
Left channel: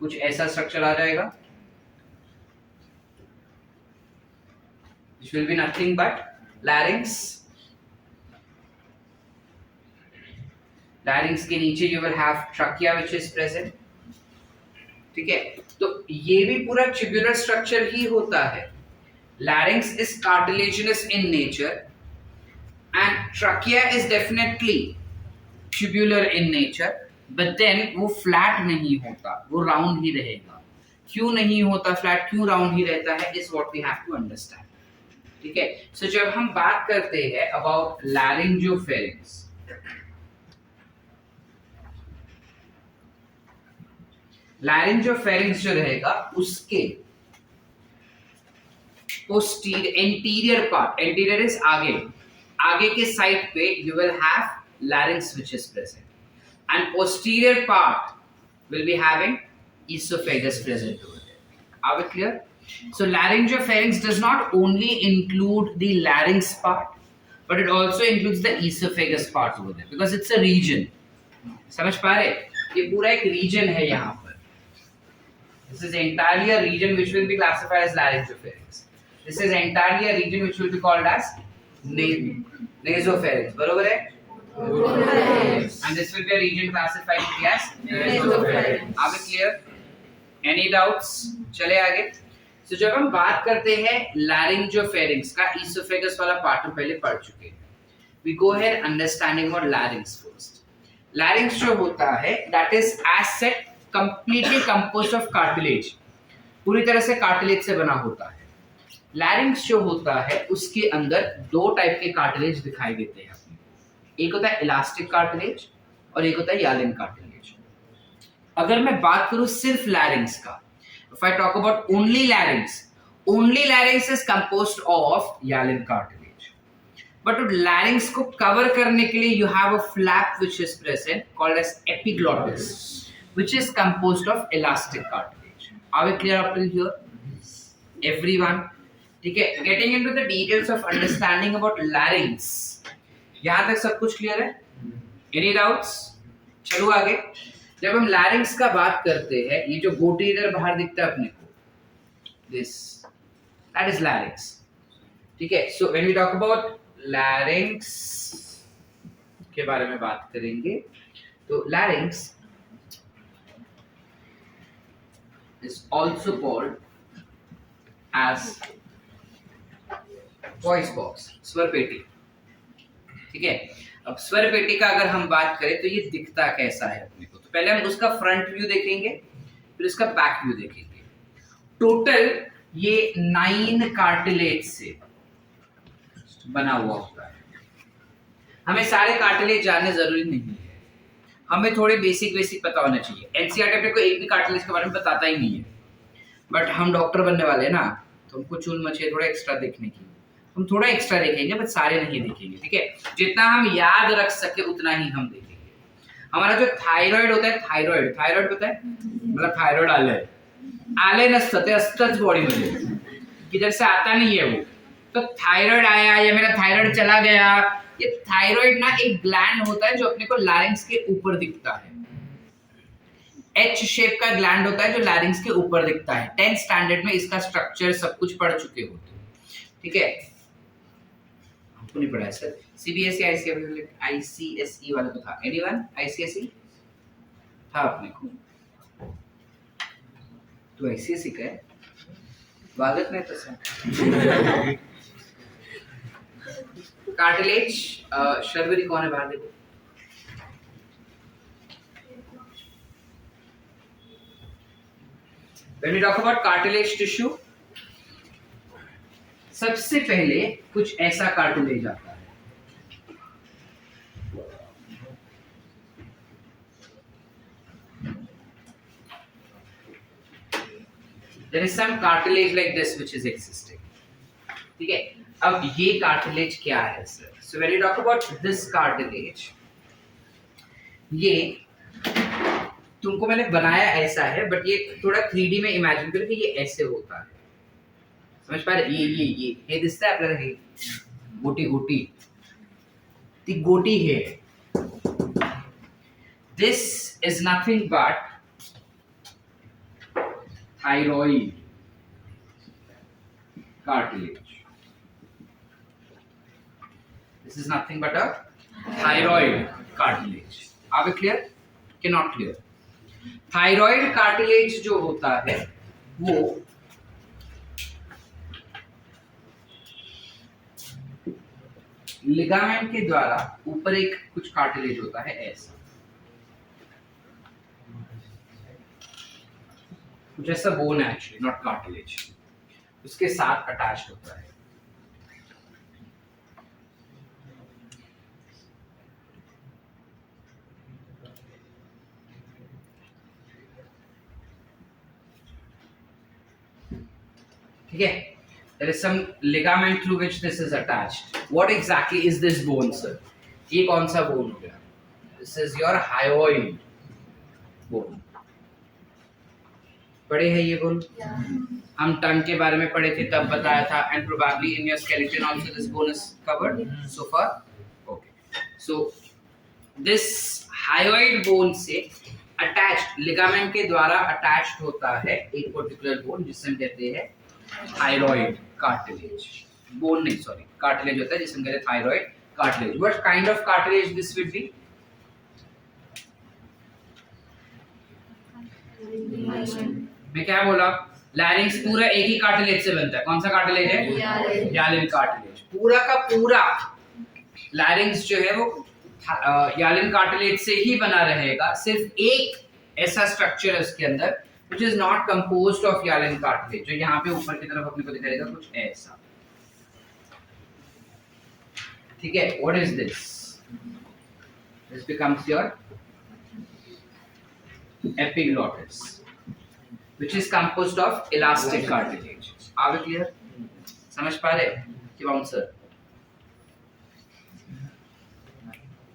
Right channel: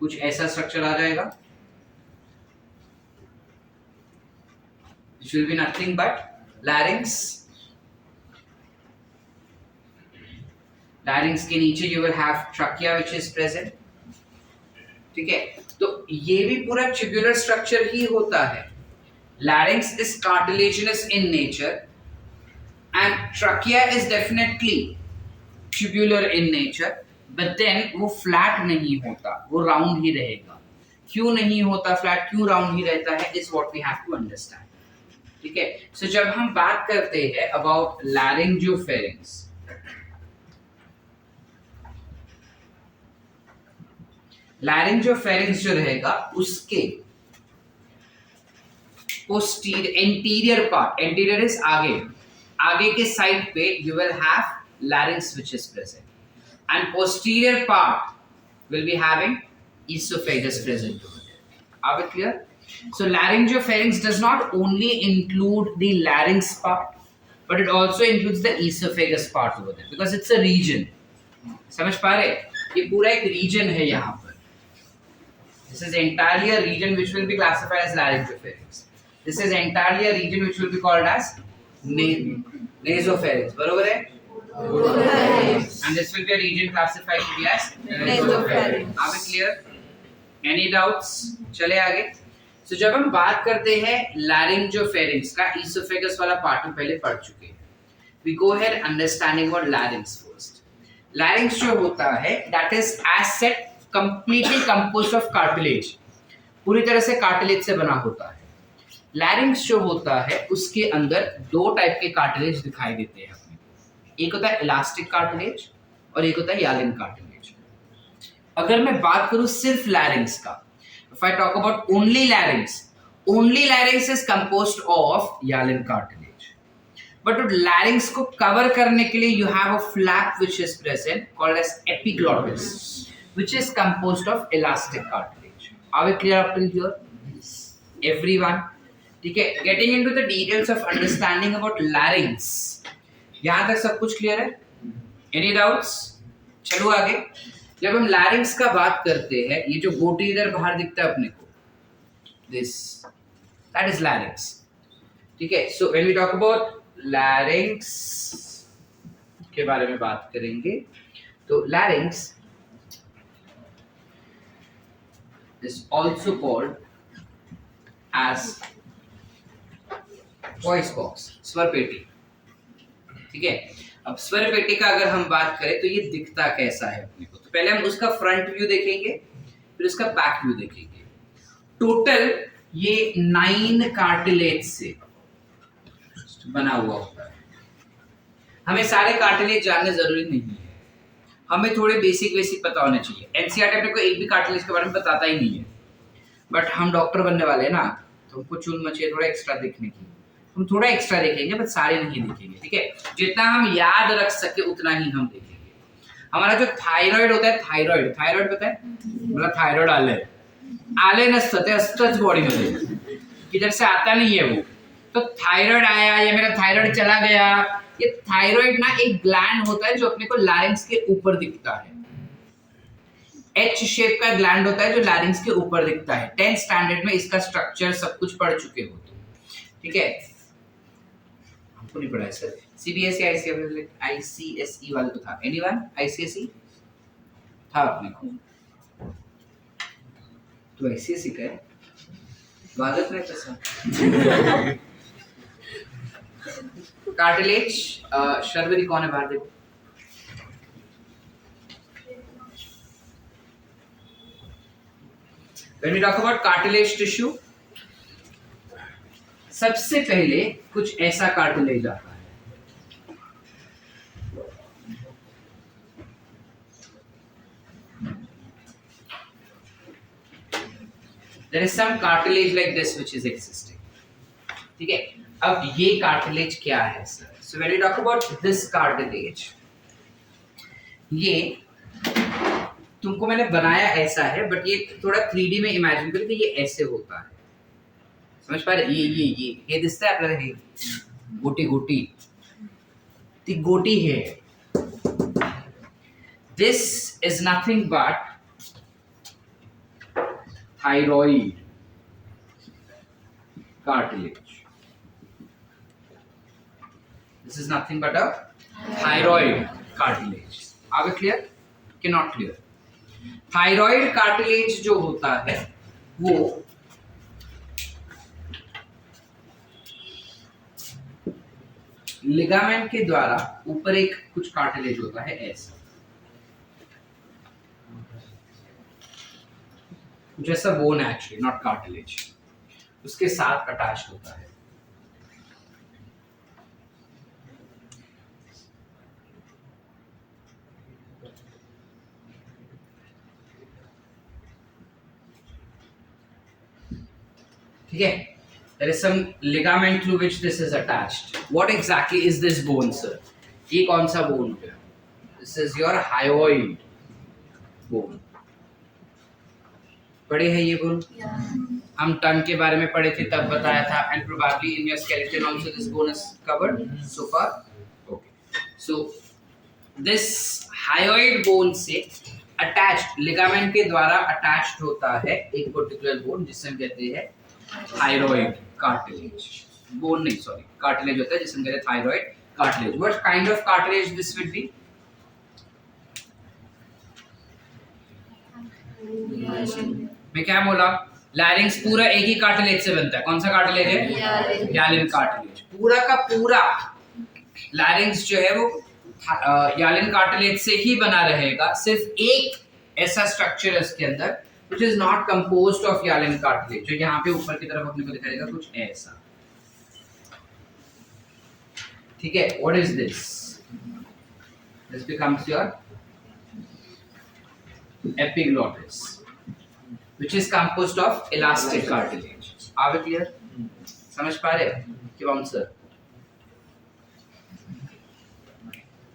कुछ ऐसा स्ट्रक्चर आ जाएगा, which will be nothing but larynx। larynx के नीचे you will have trachea which is present, ठीक है। तो ये भी पूरा ट्यूबुलर स्ट्रक्चर ही होता है। larynx is cartilaginous in nature and trachea is definitely tubular in nature, but then वो फ्लैट नहीं होता, वो राउंड ही रहेगा। क्यों नहीं होता फ्लैट, क्यों राउंड ही रहता है, is what we have to understand, ठीक है। सो जब हम बात करते हैं अबाउट लैरिंजोफेरिंग्स, लैरिंजोफेरिंग्स जो रहेगा उसके एंटीरियर पार्ट, एंटीरियर इज आगे के साइड पे you will have larynx which is present, and posterior part will be having esophagus present over there. Are we clear? So laryngopharynx does not only include the larynx part, but it also includes the esophagus part over there because it's a region. समझ पा रहे? ये पूरा एक region है यहाँ पर. This is entirely a region which will be classified as laryngopharynx. This is entirely a region which will be called as nasopharynx. बरोबर है? And this will be a region classified to be as nasopharynx. Are we clear? Any doubts? चले आगे. So जब हम बात करते हैं laryngopharynx का esophagus वाला पार्ट हम पहले पढ़ चुके हैं. We go ahead understanding about larynx first. Larynx जो होता है that is as said completely composed of cartilage. पूरी तरह से cartilage से बना होता है. लैरिंक्स जो होता है उसके अंदर दो टाइप के कार्टिलेज दिखाई देते हैं अपने, एक होता है इलास्टिक कार्टिलेज और एक होता है यालिन कार्टिलेज। अगर मैं बात करूं सिर्फ लैरिंक्स का, if I talk about only larynx is composed of hyaline cartilage, but larynx को कवर करने के लिए you have a flap which is present called as epiglottis which is composed of elastic cartilage. Are we clear up till here everyone? ठीक है, getting into the details of understanding about larynx, यहां तक सब कुछ clear है? Any doubts? चलो आगे। जब हम लैरिंक्स का बात करते हैं, ये जो गोटी इधर बाहर दिखता है अपने को, दिस दैट इज लैरिंक्स, ठीक है। So when we talk about larynx के बारे में बात करेंगे तो larynx is also called as voice box, स्वर पेटी, ठीक है। अब स्वर पेटी का अगर हम बात करें तो ये दिखता कैसा है अपने को, तो पहले हम उसका फ्रंट व्यू देखेंगे फिर उसका बैक व्यू देखेंगे। टोटल ये 9 कार्टिलेज से बना हुआ होता है। हमें सारे कार्टिलेज जानने जरूरी नहीं है, हमें थोड़े बेसिक पता होना चाहिए। एनसीईआरटी अपने को एक भी कार्टिलेज के बारे में बताता ही नहीं है, बट हम डॉक्टर बनने वाले हैं ना, तो हमको चूल मचे थोड़ा एक्स्ट्रा देखने की, हम थोड़ा एक्स्ट्रा देखेंगे बट सारे नहीं देखेंगे, ठीक है। जितना हम याद रख सके उतना ही हम देखेंगे। हमारा जो थायराइड होता है, थायराइड पता है? मतलब थायराइड आले नसतं ते असतंच बॉडीमध्ये, किधर से आता नहीं है वो। तो थायराइड आया या मेरा थायराइड चला गया ये थायराइड ना एक ग्लैंड होता है जो अपने को लैरिंक्स के ऊपर दिखता है। एच शेप का ग्लैंड होता है जो लैरिंक्स के ऊपर दिखता है। 10th स्टैंडर्ड में इसका स्ट्रक्चर सब कुछ पढ़ चुके हो, ठीक है? हमको नहीं पढ़ा है सर। सीबीएसई आईसीएसई वाला तो था। एनीवन आईसीएसई था अपने को? तो आईसीएसई का है, स्वागत में तो सर। कार्टिलेज, शर्वरी कौन है बाहर देखो। When we talk about cartilage tissue, सबसे पहले कुछ ऐसा कार्टिलेज आता है। There is some cartilage like this which is existing. ठीक है, अब ये कार्टिलेज क्या है sir? So when we talk about this cartilage, ये तुमको मैंने बनाया ऐसा है, बट ये थोड़ा 3D में इमेजिन करो कि ये ऐसे होता है। समझ पा रहे? ये दिसता है आपल्याला, हे गोटी गोटी, ती गोटी है। This is nothing but thyroid cartilage. This is nothing but a thyroid cartilage. Are we clear? कि not clear? थायराइड कार्टिलेज जो होता है वो लिगामेंट के द्वारा ऊपर एक कुछ कार्टिलेज होता है ऐसा, कुछ ऐसा बोन है एक्चुअली, नॉट कार्टिलेज, उसके साथ अटैच्ड होता है। ठीक है, there is some ligament through which this is attached. What exactly is this bone, sir? ये कौन सा bone हो गया? This is your hyoid bone. पढ़े हैं ये bone? हम टंग के बारे में पढ़े थे तब बताया था, and probably in your skeleton also this bone is covered so far. Okay. So this hyoid bone से attached ligament के द्वारा attached होता है एक particular bone जिसे हम कहते हैं थायराइड कार्टिलेज। बोन नहीं, सॉरी, कार्टिलेज होता है जिसे हम कहते हैं thyroid cartilage. What kind of cartilage this will be? मैं क्या बोला? लैरिंक्स पूरा एक ही कार्टिलेज से बनता है। कौन सा कार्टिलेज है? यालिन कार्टिलेज। पूरा का पूरा लैरिंक्स जो है वो यालिन कार्टिलेज से ही बना रहेगा। सिर्फ एक ऐसा स्ट्रक्चर है उसके अंदर which is not composed of hyaline cartilage, जो यहाँ पे ऊपर की तरफ अपने को दिखाई देगा कुछ ऐसा। ठीक है, what is this? This becomes your epiglottis, which is composed of elastic cartilage. Are we clear? समझ पा रहे कि बाउंसर?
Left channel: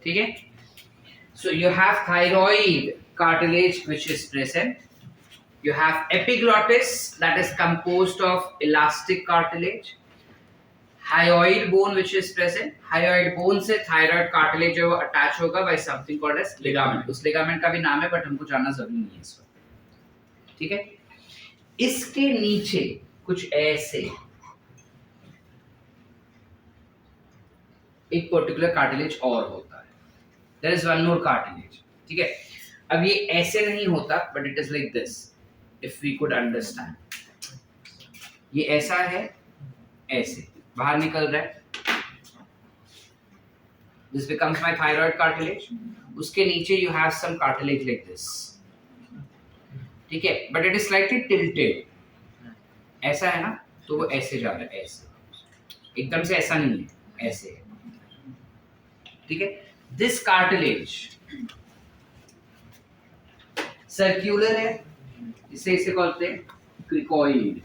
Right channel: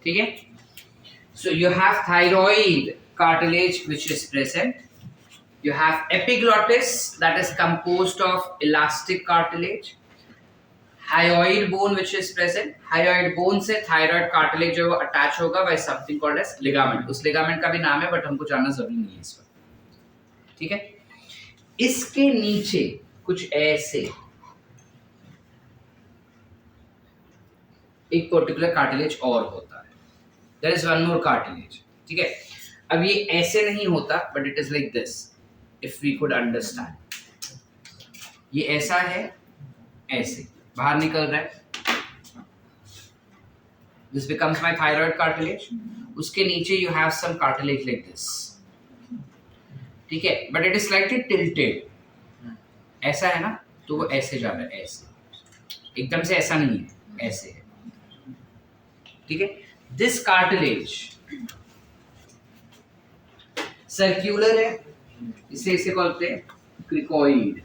ठीक है, so you have thyroid cartilage which is present. You have epiglottis that is composed of elastic cartilage, hyoid bone which is present. Hyoid bone से thyroid cartilage जो attach होगा by something called as ligament. उस ligament का भी नाम है but हमको जानना जरूरी नहीं है इस वक्त। ठीक है, इसके नीचे कुछ ऐसे एक पर्टिकुलर कार्टिलेज और होता है। There is one more cartilage. ठीक है, अब ये ऐसे नहीं होता but it is like this. If we could understand, ये ऐसा है, ऐसे बाहर निकल रहा है। This becomes my thyroid cartilage. उसके नीचे you have some cartilage like this. ठीक है, but it is slightly tilted. ऐसा है ना, तो वो ऐसे जा रहा है, ऐसे एकदम से ऐसा नहीं है, ऐसे है। ठीक है, this cartilage सर्क्यूलर है, इसे बोलते हैं cricoid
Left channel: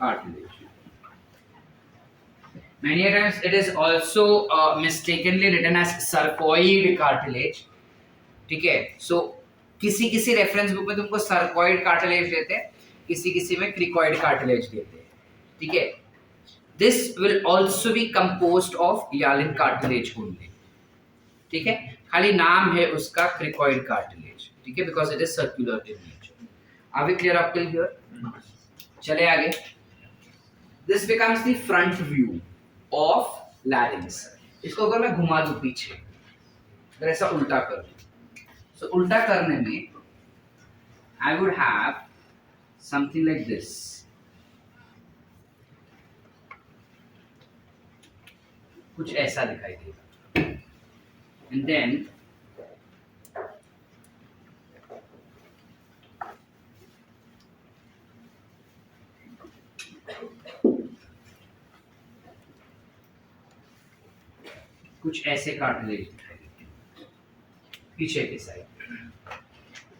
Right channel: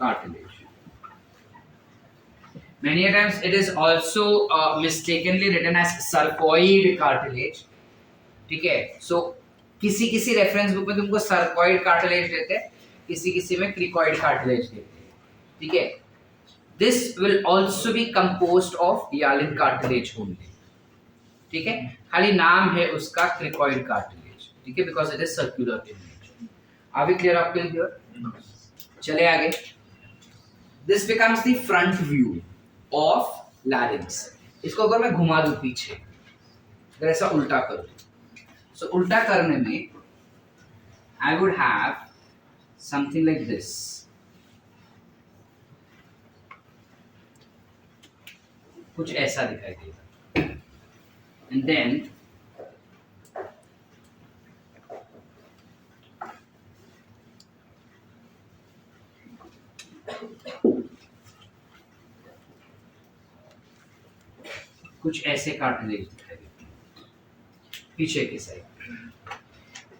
cartilage. Many times it is also mistakenly written as sarcoid cartilage. ठीक है, so किसी रेफरेंस बुक में तुमको sarcoid cartilage देते हैं, किसी में cricoid cartilage देते हैं। ठीक है, This will also be composed of hyaline cartilage only. ठीक है, खाली नाम है उसका cricoid cartilage. ठीक है, because it is circular in nature. Are we clear up till here? चले आगे. This becomes the front view of larynx. इसको अगर मैं घुमा दूं पीछे, अगर ऐसा उल्टा कर दूं, so उल्टा करने में I would have something like this. कुछ ऐसा दिखाई देगा. And then कुछ ऐसे कार्टिलेज दिखाई देते हैं पीछे के साइड.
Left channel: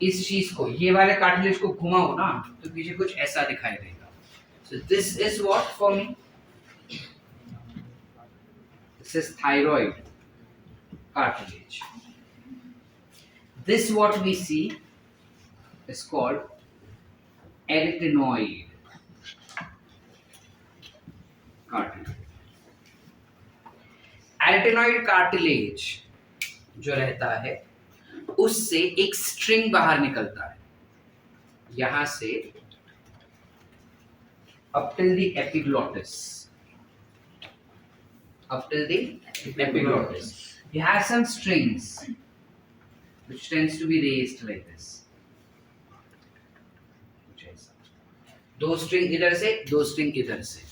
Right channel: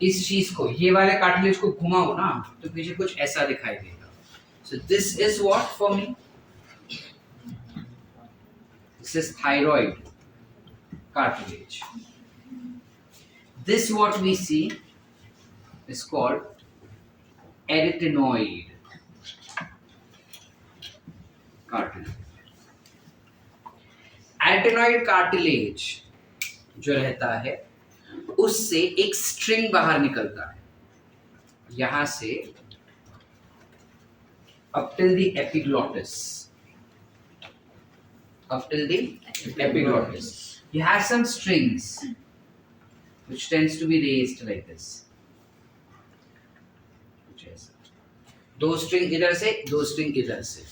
इस चीज को, ये वाले कार्टिलेज को घुमाओ ना तो पीछे कुछ ऐसा दिखाई देगा. So this is what for me? This is thyroid cartilage. This what we see is called arytenoid cartilage. Arytenoid cartilage जो रहता है उससे एक स्ट्रिंग बाहर निकलता है यहां से up till the epiglottis. Up till the epiglottis. You have some strings which tends to be raised like this. दो स्ट्रिंग इधर से, दो स्ट्रिंग इधर से,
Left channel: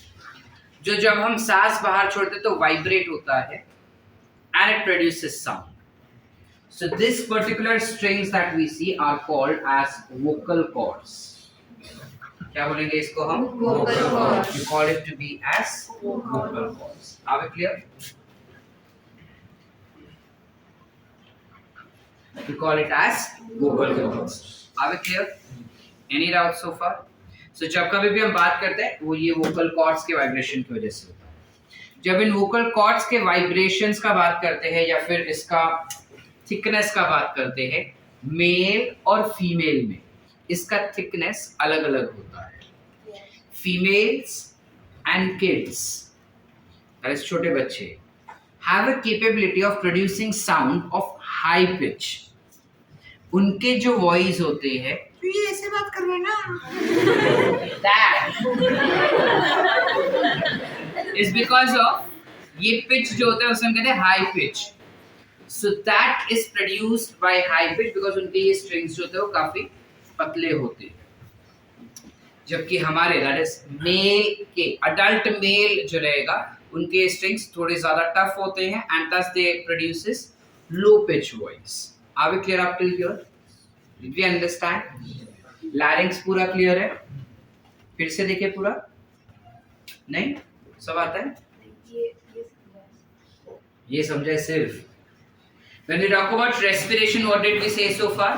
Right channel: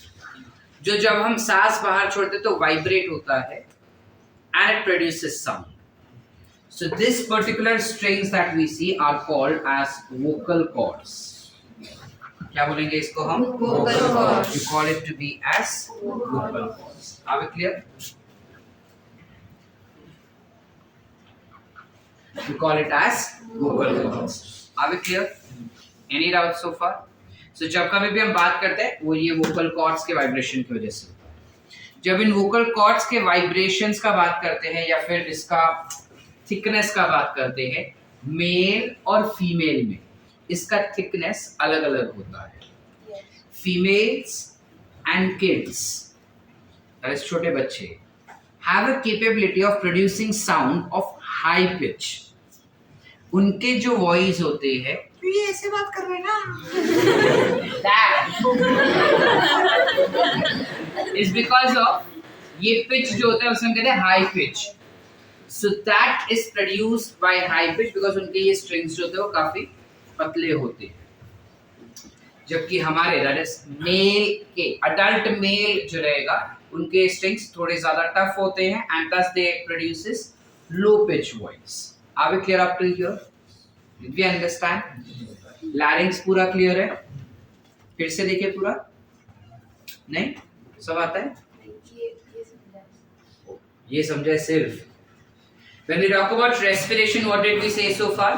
जो जब हम सांस बाहर छोड़ते तो वाइब्रेट होता है and it produces sound. So this particular strings that we see are called as vocal cords. क्या बोलेंगे इसको हम? Vocal cords. We call it to be as vocal cords. Are we clear? We call it as vocal cords. Are we clear? Any doubts so far? So जब कभी भी हम बात करते हैं वो ये vocal cords के vibration की वजह से होता है. जब इन vocal cords के vibrations का बात करते हैं या फिर इसका thickness का बात करते हैं, मेल और फीमेल में इसका थिकनेस अलग अलग होता है. फीमेल्स एंड किड्स, छोटे बच्चे, have a capability of producing sound of high pitch. उनके जो वॉइस होते हैं, तो ये ऐसे बात कर रहे हैं ना, इज बिकॉज ऑफ ये पिच जो होता है उसे हम कहते हैं high pitch. So that is produced by high pitch because उनके ये strings जो होते हैं वो काफी पतले होते हैं. जबकि हमारे that is male के adult male जो रहेगा उनके strings थोड़े ज़्यादा tough होते हैं and thus they produces low pitch voice. Are we clear up till here? Did we understand? Larynx पूरा clear है? फिर से देखिए पूरा. नहीं? सब आता है? ये समझा सिर्फ. When we talk about respiration, what did we say so far?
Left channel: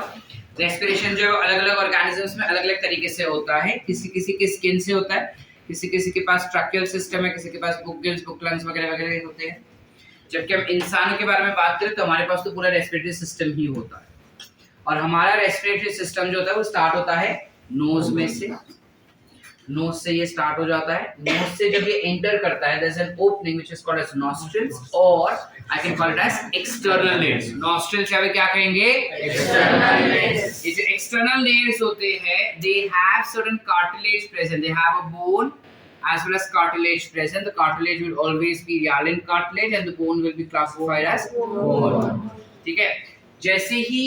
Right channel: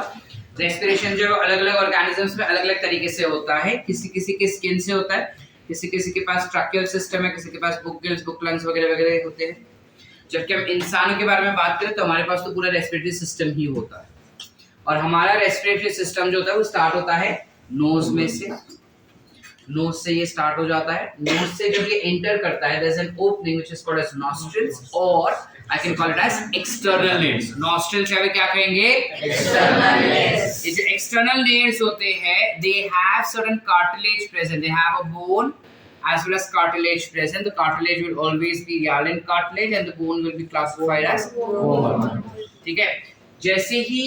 Respiration जो अलग-अलग organisms में अलग-अलग तरीके से होता है. किसी के skin से होता है, किसी के पास tracheal system है, किसी के पास book gills, book lungs वगैरह होते हैं. जबकि हम इंसानों के बारे में बात करें तो हमारे पास तो पूरा respiratory system ही होता है. और हमारा respiratory system जो होता है वो start होता है nose में से. nose से ये start हो जाता है. nose से जब ये enter करता है, there is an opening which is called as nostrils or I can call it as external layers. Nostrils क्या कहेंगे? External layers. ये जो external layers होते हैं, they have certain cartilage present. They have a bone as well as cartilage present. The cartilage will always be hyaline cartilage and the bone will be classified as bone. ठीक है? जैसे ही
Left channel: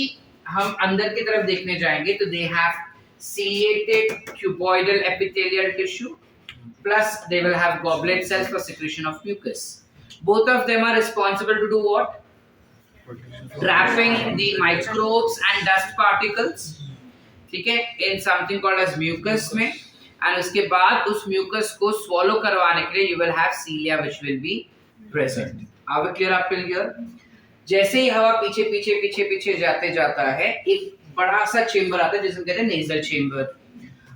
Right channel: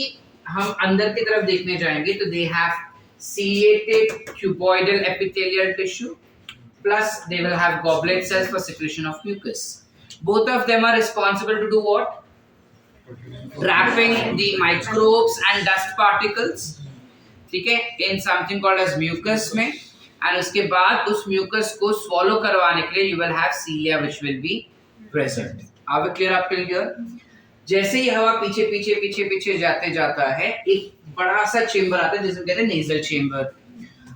हम अंदर की तरफ देखने जाएंगे तो they have ciliated cuboidal epithelial tissue plus they will have goblet cells for secretion of mucus. Both of them are responsible to do what? Trapping the microbes and dust particles. ठीक है? In something called as mucus में, and उसके बाद उस mucus को swallow करवाने के लिए you will have cilia which will be present. Are we clear up till here? जैसे ही हवा पीछे जाते जाता है, एक बड़ा सा चेम्बर आता है जिसे कहते हैं नेजल चेम्बर.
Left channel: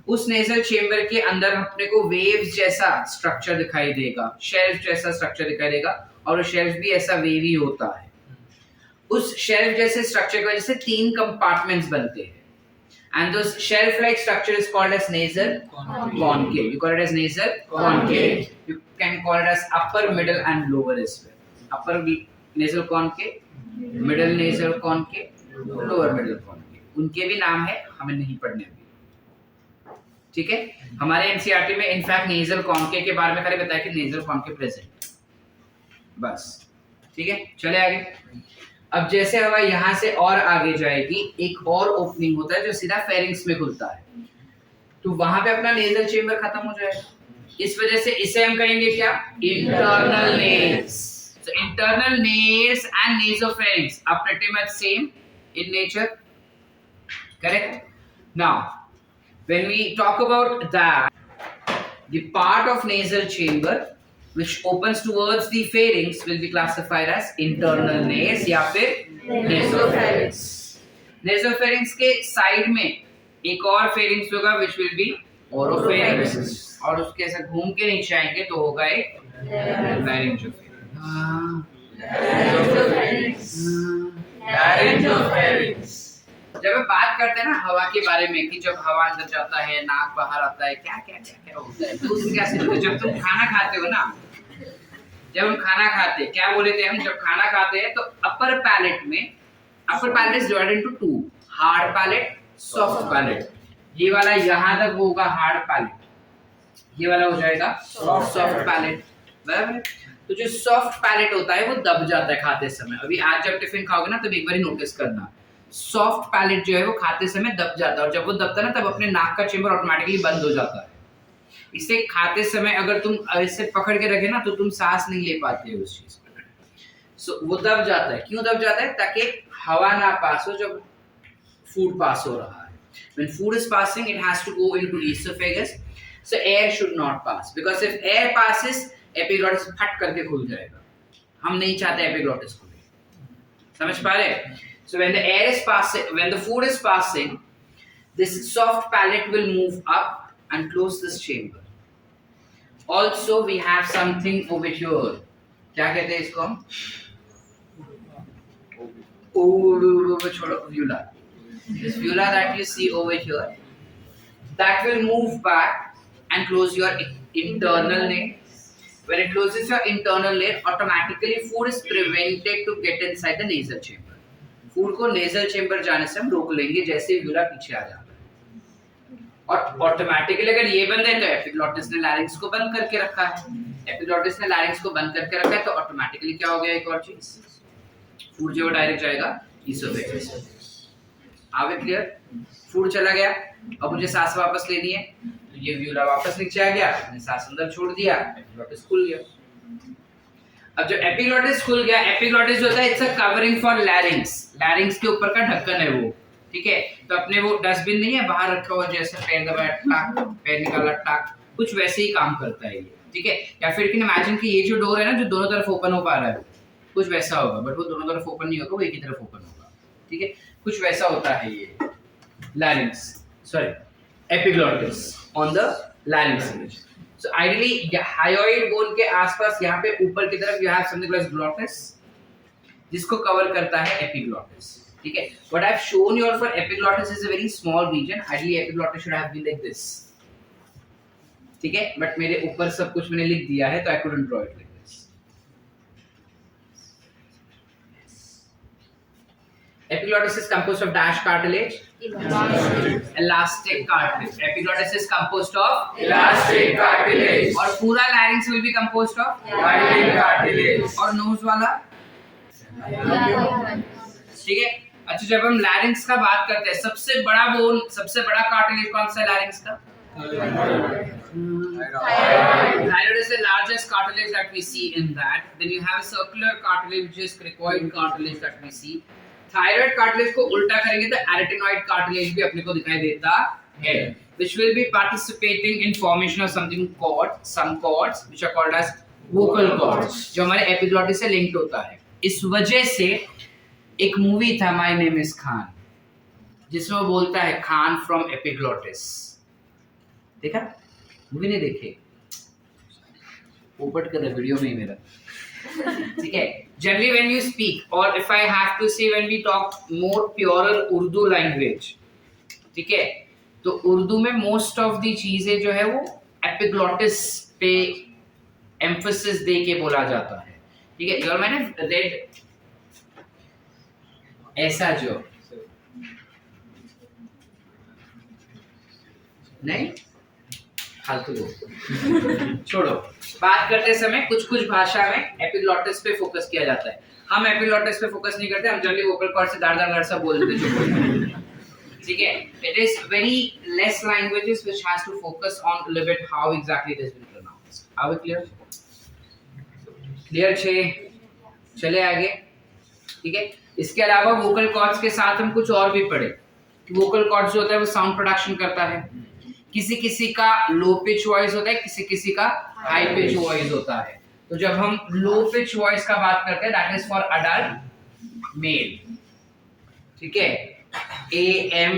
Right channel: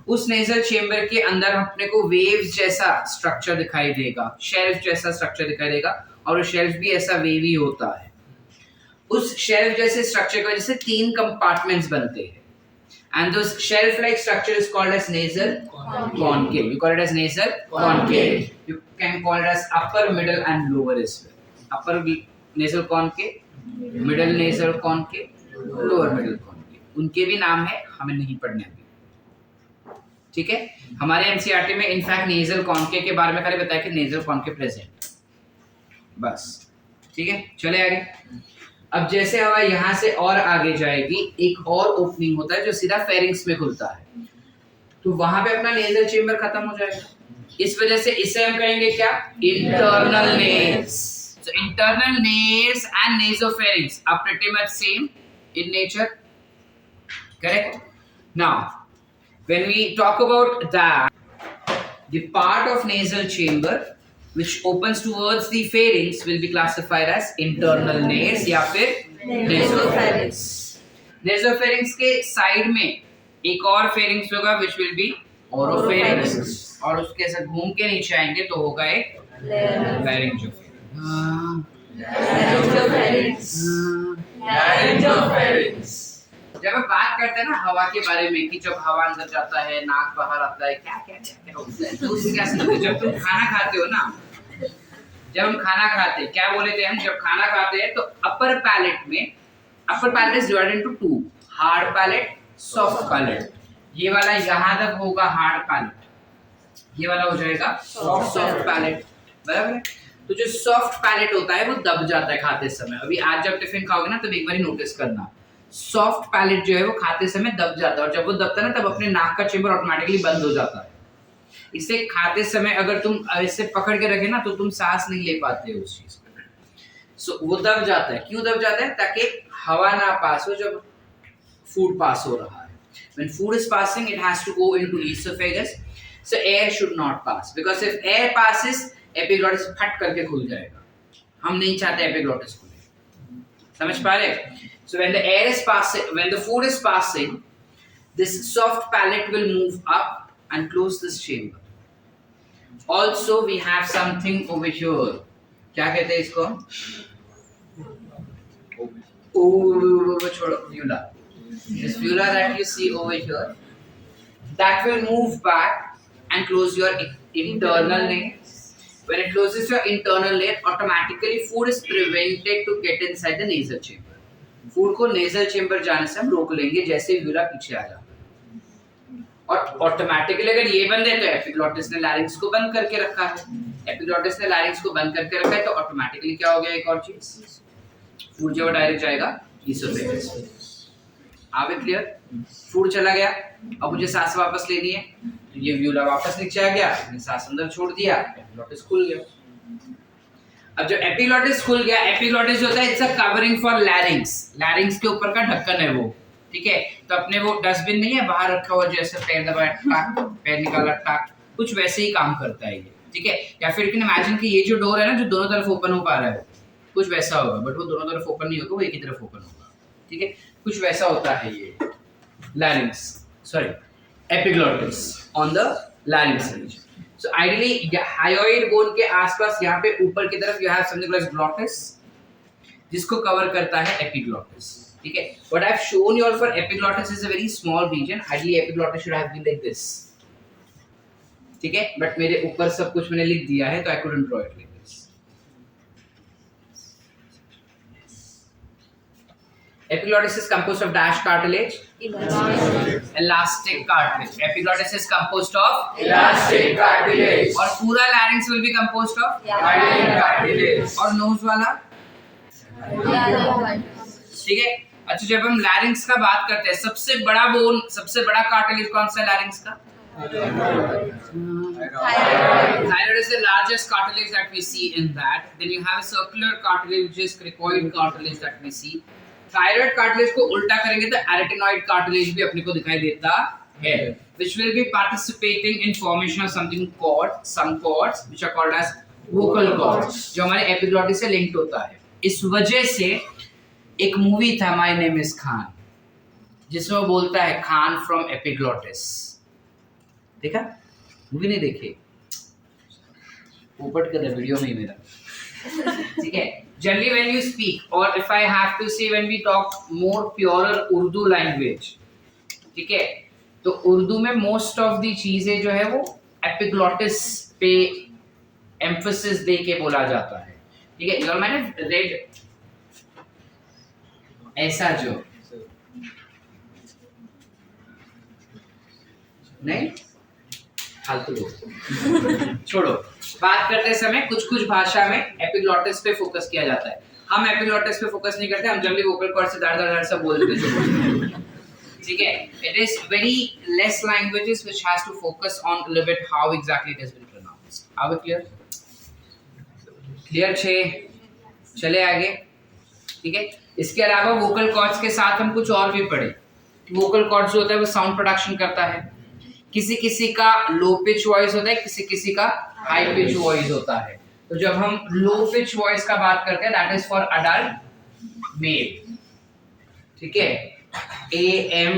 उस नेजल चेम्बर के अंदर अपने को वेव्स जैसा स्ट्रक्चर दिखाई देगा, शेल्फ जैसा स्ट्रक्चर दिखाई देगा, और वो शेल्फ भी ऐसा वेवी होता है. उस शेल्फ जैसे स्ट्रक्चर की वजह से 3 कंपार्टमेंट्स बनते हैं, and this shelf like structure is called as nasal concave. You call it as nasal concave. You can call it as upper, middle, and lower as well. Upper nasal concave, middle nasal concave, lower middle concave. उनके भी नाम है, हमें नहीं पढ़ने अभी. ठीक है. हमारे एनसीईआरटी में इनफैक्ट नेजल कॉन्केव के बारे में खाली बताया कि नेजल कॉन्केव प्रेजेंट, बस. ठीक है, चले आगे. अब जैसे हवा यहाँ से और आगे जाएगी, एक और ओपनिंग होता है जो सीधा फेरिंग्स में खुलता है, तो वहां पे अपना नेजल चेंबर खत्म हो जाएगा. इस वजह से इसे हम कहेंगे क्या? Internal nails. So internal nares and nasopharynx are pretty much same in nature. Correct? Now, when we talk about that, the part of nasal chamber which opens towards the pharynx will be classified as internal nares या फिर nasopharynx. Nasopharynx के side में एक और pharynx होगा which will be oropharynx, और उसके ऐसा घूम के नीचे आएंगे तो होगा एक laryngopharynx. जब हम बात करते हैं ना हवा के बारे में कि जब हवा अंदर जाता है, नाक बाहर आता है, क्या क्या क्या क्या होता है, तो उससे क्या समझते? जब तुम खाना खाते हो ना, जब हम खाना खाते हैं, क्या बोले थे हम? जब खाना खाते हैं तो अपर पैलेट में, upper palate is divided into two, hard palate, soft palate. ये वाला यहाँ तक होगा हार्ड पैलेट, ये वाला हो जाएगा सॉफ्ट पैलेट. बराबर. तो जो सॉफ्ट पैलेट होता है वो दब जाता है खाते समय. अभी आज जब टिफिन खाओगे ना तब एक बार नोटिस करना, सॉफ्ट पैलेट जो है वो खाते समय दब जाता है, और जब वो दबता है ना तब अपने नाक का चेंबर ऑटोमेटिकली बंद हो जाता है. इसे खाते समय अगर तुम ऐसे पकड़ के रखे ना तो तुम सांस नहीं ले पाते हो उस चीज को. सो वो दब जाता है. क्यों दब जाता है? ताकि हवा ना पास हो जब फूड पास हो रहा है. When food is passing, it has to go into esophagus, so air should not pass, because if air passes, epiglottis फट करके खुल जाएगा. हम नहीं चाहते epiglottis खुले. समझ पा रहे? So when the air is passing, when the food is passing, this soft palate will move up and close this chamber. Also, we have something over here. क्या कहते हैं इसको? छोड़ो, uvula. This uvula that you see over here, that will move back and close your internal layer. When it closes your internal layer, automatically food is prevented to get inside the nasal chamber. Food को nasal chamber जाने से हम रोक लेंगे जैसे यूरा पीछे आ जाता है. और ऑटोमेटिकली अगर ये बंद है तो एपिग्लॉटिस ने लैरिंक्स को बंद करके रखा है. एपिग्लॉटिस ने लैरिंक्स को बंद करके रखा है तो ऑटोमेटिकली क्या हो गया? एक और चीज, फूड जो डायरेक्ट जाएगा ईसोफेगस. आगे क्लियर? फूड चला गया, अब मुझे सांस वापस लेनी है तो ये व्यूला वापस नीचे आ गया, मैंने सांस अंदर छोड़ दिया, एपिग्लॉटिस खुल गया. अब जब एपिग्लॉटिस खुल गया, एपिग्लॉटिस जो होता है it's a covering for larynx. Larynx के ऊपर का ढक्कन है वो. ठीक है, तो अपने वो डस्टबिन नहीं है बाहर रखा हुआ, जैसे पैर दबाया टाक, पैर निकाला टाक, कुछ वैसे ही काम करता है ये. ठीक है, या फिर कैन इमेजिन कि ये जो डोर है ना जो दोनों तरफ ओपन हो पा रहा है, कुछ वैसा होगा, बट वो दोनों तरफ ओपन नहीं होगा, वो एक ही तरफ ओपन होगा. ठीक है, कुछ वैसा होता है ये larynx, sorry epiglottis on the larynx region. So ideally hyoid bone के आसपास यहाँ पे ऊपर की तरफ you have something like glottis जिसको कवर करता है epiglottis. ठीक है, what I've shown you all for epiglottis is a very small region. Ideally epiglottis should have been like this. ठीक है, but मेरे ऊपर सब कुछ मैंने लिख दिया है तो I couldn't draw it like this. Epiglottis is composed of dash cartilage, elastic cartilage. Epiglottis is composed of elastic cartilage. और पूरा larynx will be composed of hyaline cartilage. और nose वाला. ठीक है. अच्छा, जब हम larynx का बात करते हैं, सबसे बड़ा बोन, सबसे बड़ा cartilage कौन सा है larynx का? Thyroid is the largest cartilage that we see in that. Then you have a circular cartilage which is cricoid cartilage that we see. Thyroid cartilage को उल्टा करेंगे तो एरेटिनॉइड कार्टिलेज भी अपने को दिखाई देता है, which will be participating in formation of something called some cords which are called as vocal cords, जो हमारे एपिग्लॉटिस से लिंक्ड होता है. इस वजह से एक मूवी था माय नेम इज खान जिसमें वो बोलता है खान फ्रॉम एपिग्लॉटिस. देखा? मूवी नहीं देखी? पोपट कर वीडियो में ही मेरा. ठीक है. Generally when you speak, or if I have to say when we talk more purer Urdu language, ठीक है, तो उर्दू में मोस्ट ऑफ दी चीजें जो है वो एपिग्लॉटिस पे एम्फोसिस दे के बोला जाता है, ठीक है। और मैंने रेड ऐसा जो नहीं फालतू बोल छोड़ो। बात करते समय कुछ कुछ भाषा में एपिग्लॉटिस पे फोकस किया जाता है, हम एपिग्लॉटिस पे फोकस नहीं करते, हम जनरली वोकल कॉर्ड से दार दार सा बोल देते जो ठीक है। It is very less languages which has to focus on a little bit how exactly it has been pronounced. Are we clear? Clear छे, चले आगे, ठीक है। इसके अलावा वोकल कॉर्ड्स के साथ हम कुछ और भी पढ़े। वोकल कॉर्ड जो होता है वो साउंड प्रोडक्शन करता है, किसी किसी का लो पिच वॉइस होता है, किसी किसी का हाई पिच वॉइस होता है। तो जब हम लो पिच वॉइस का बात करते हैं that is for adult mail, ठीक है। ए एम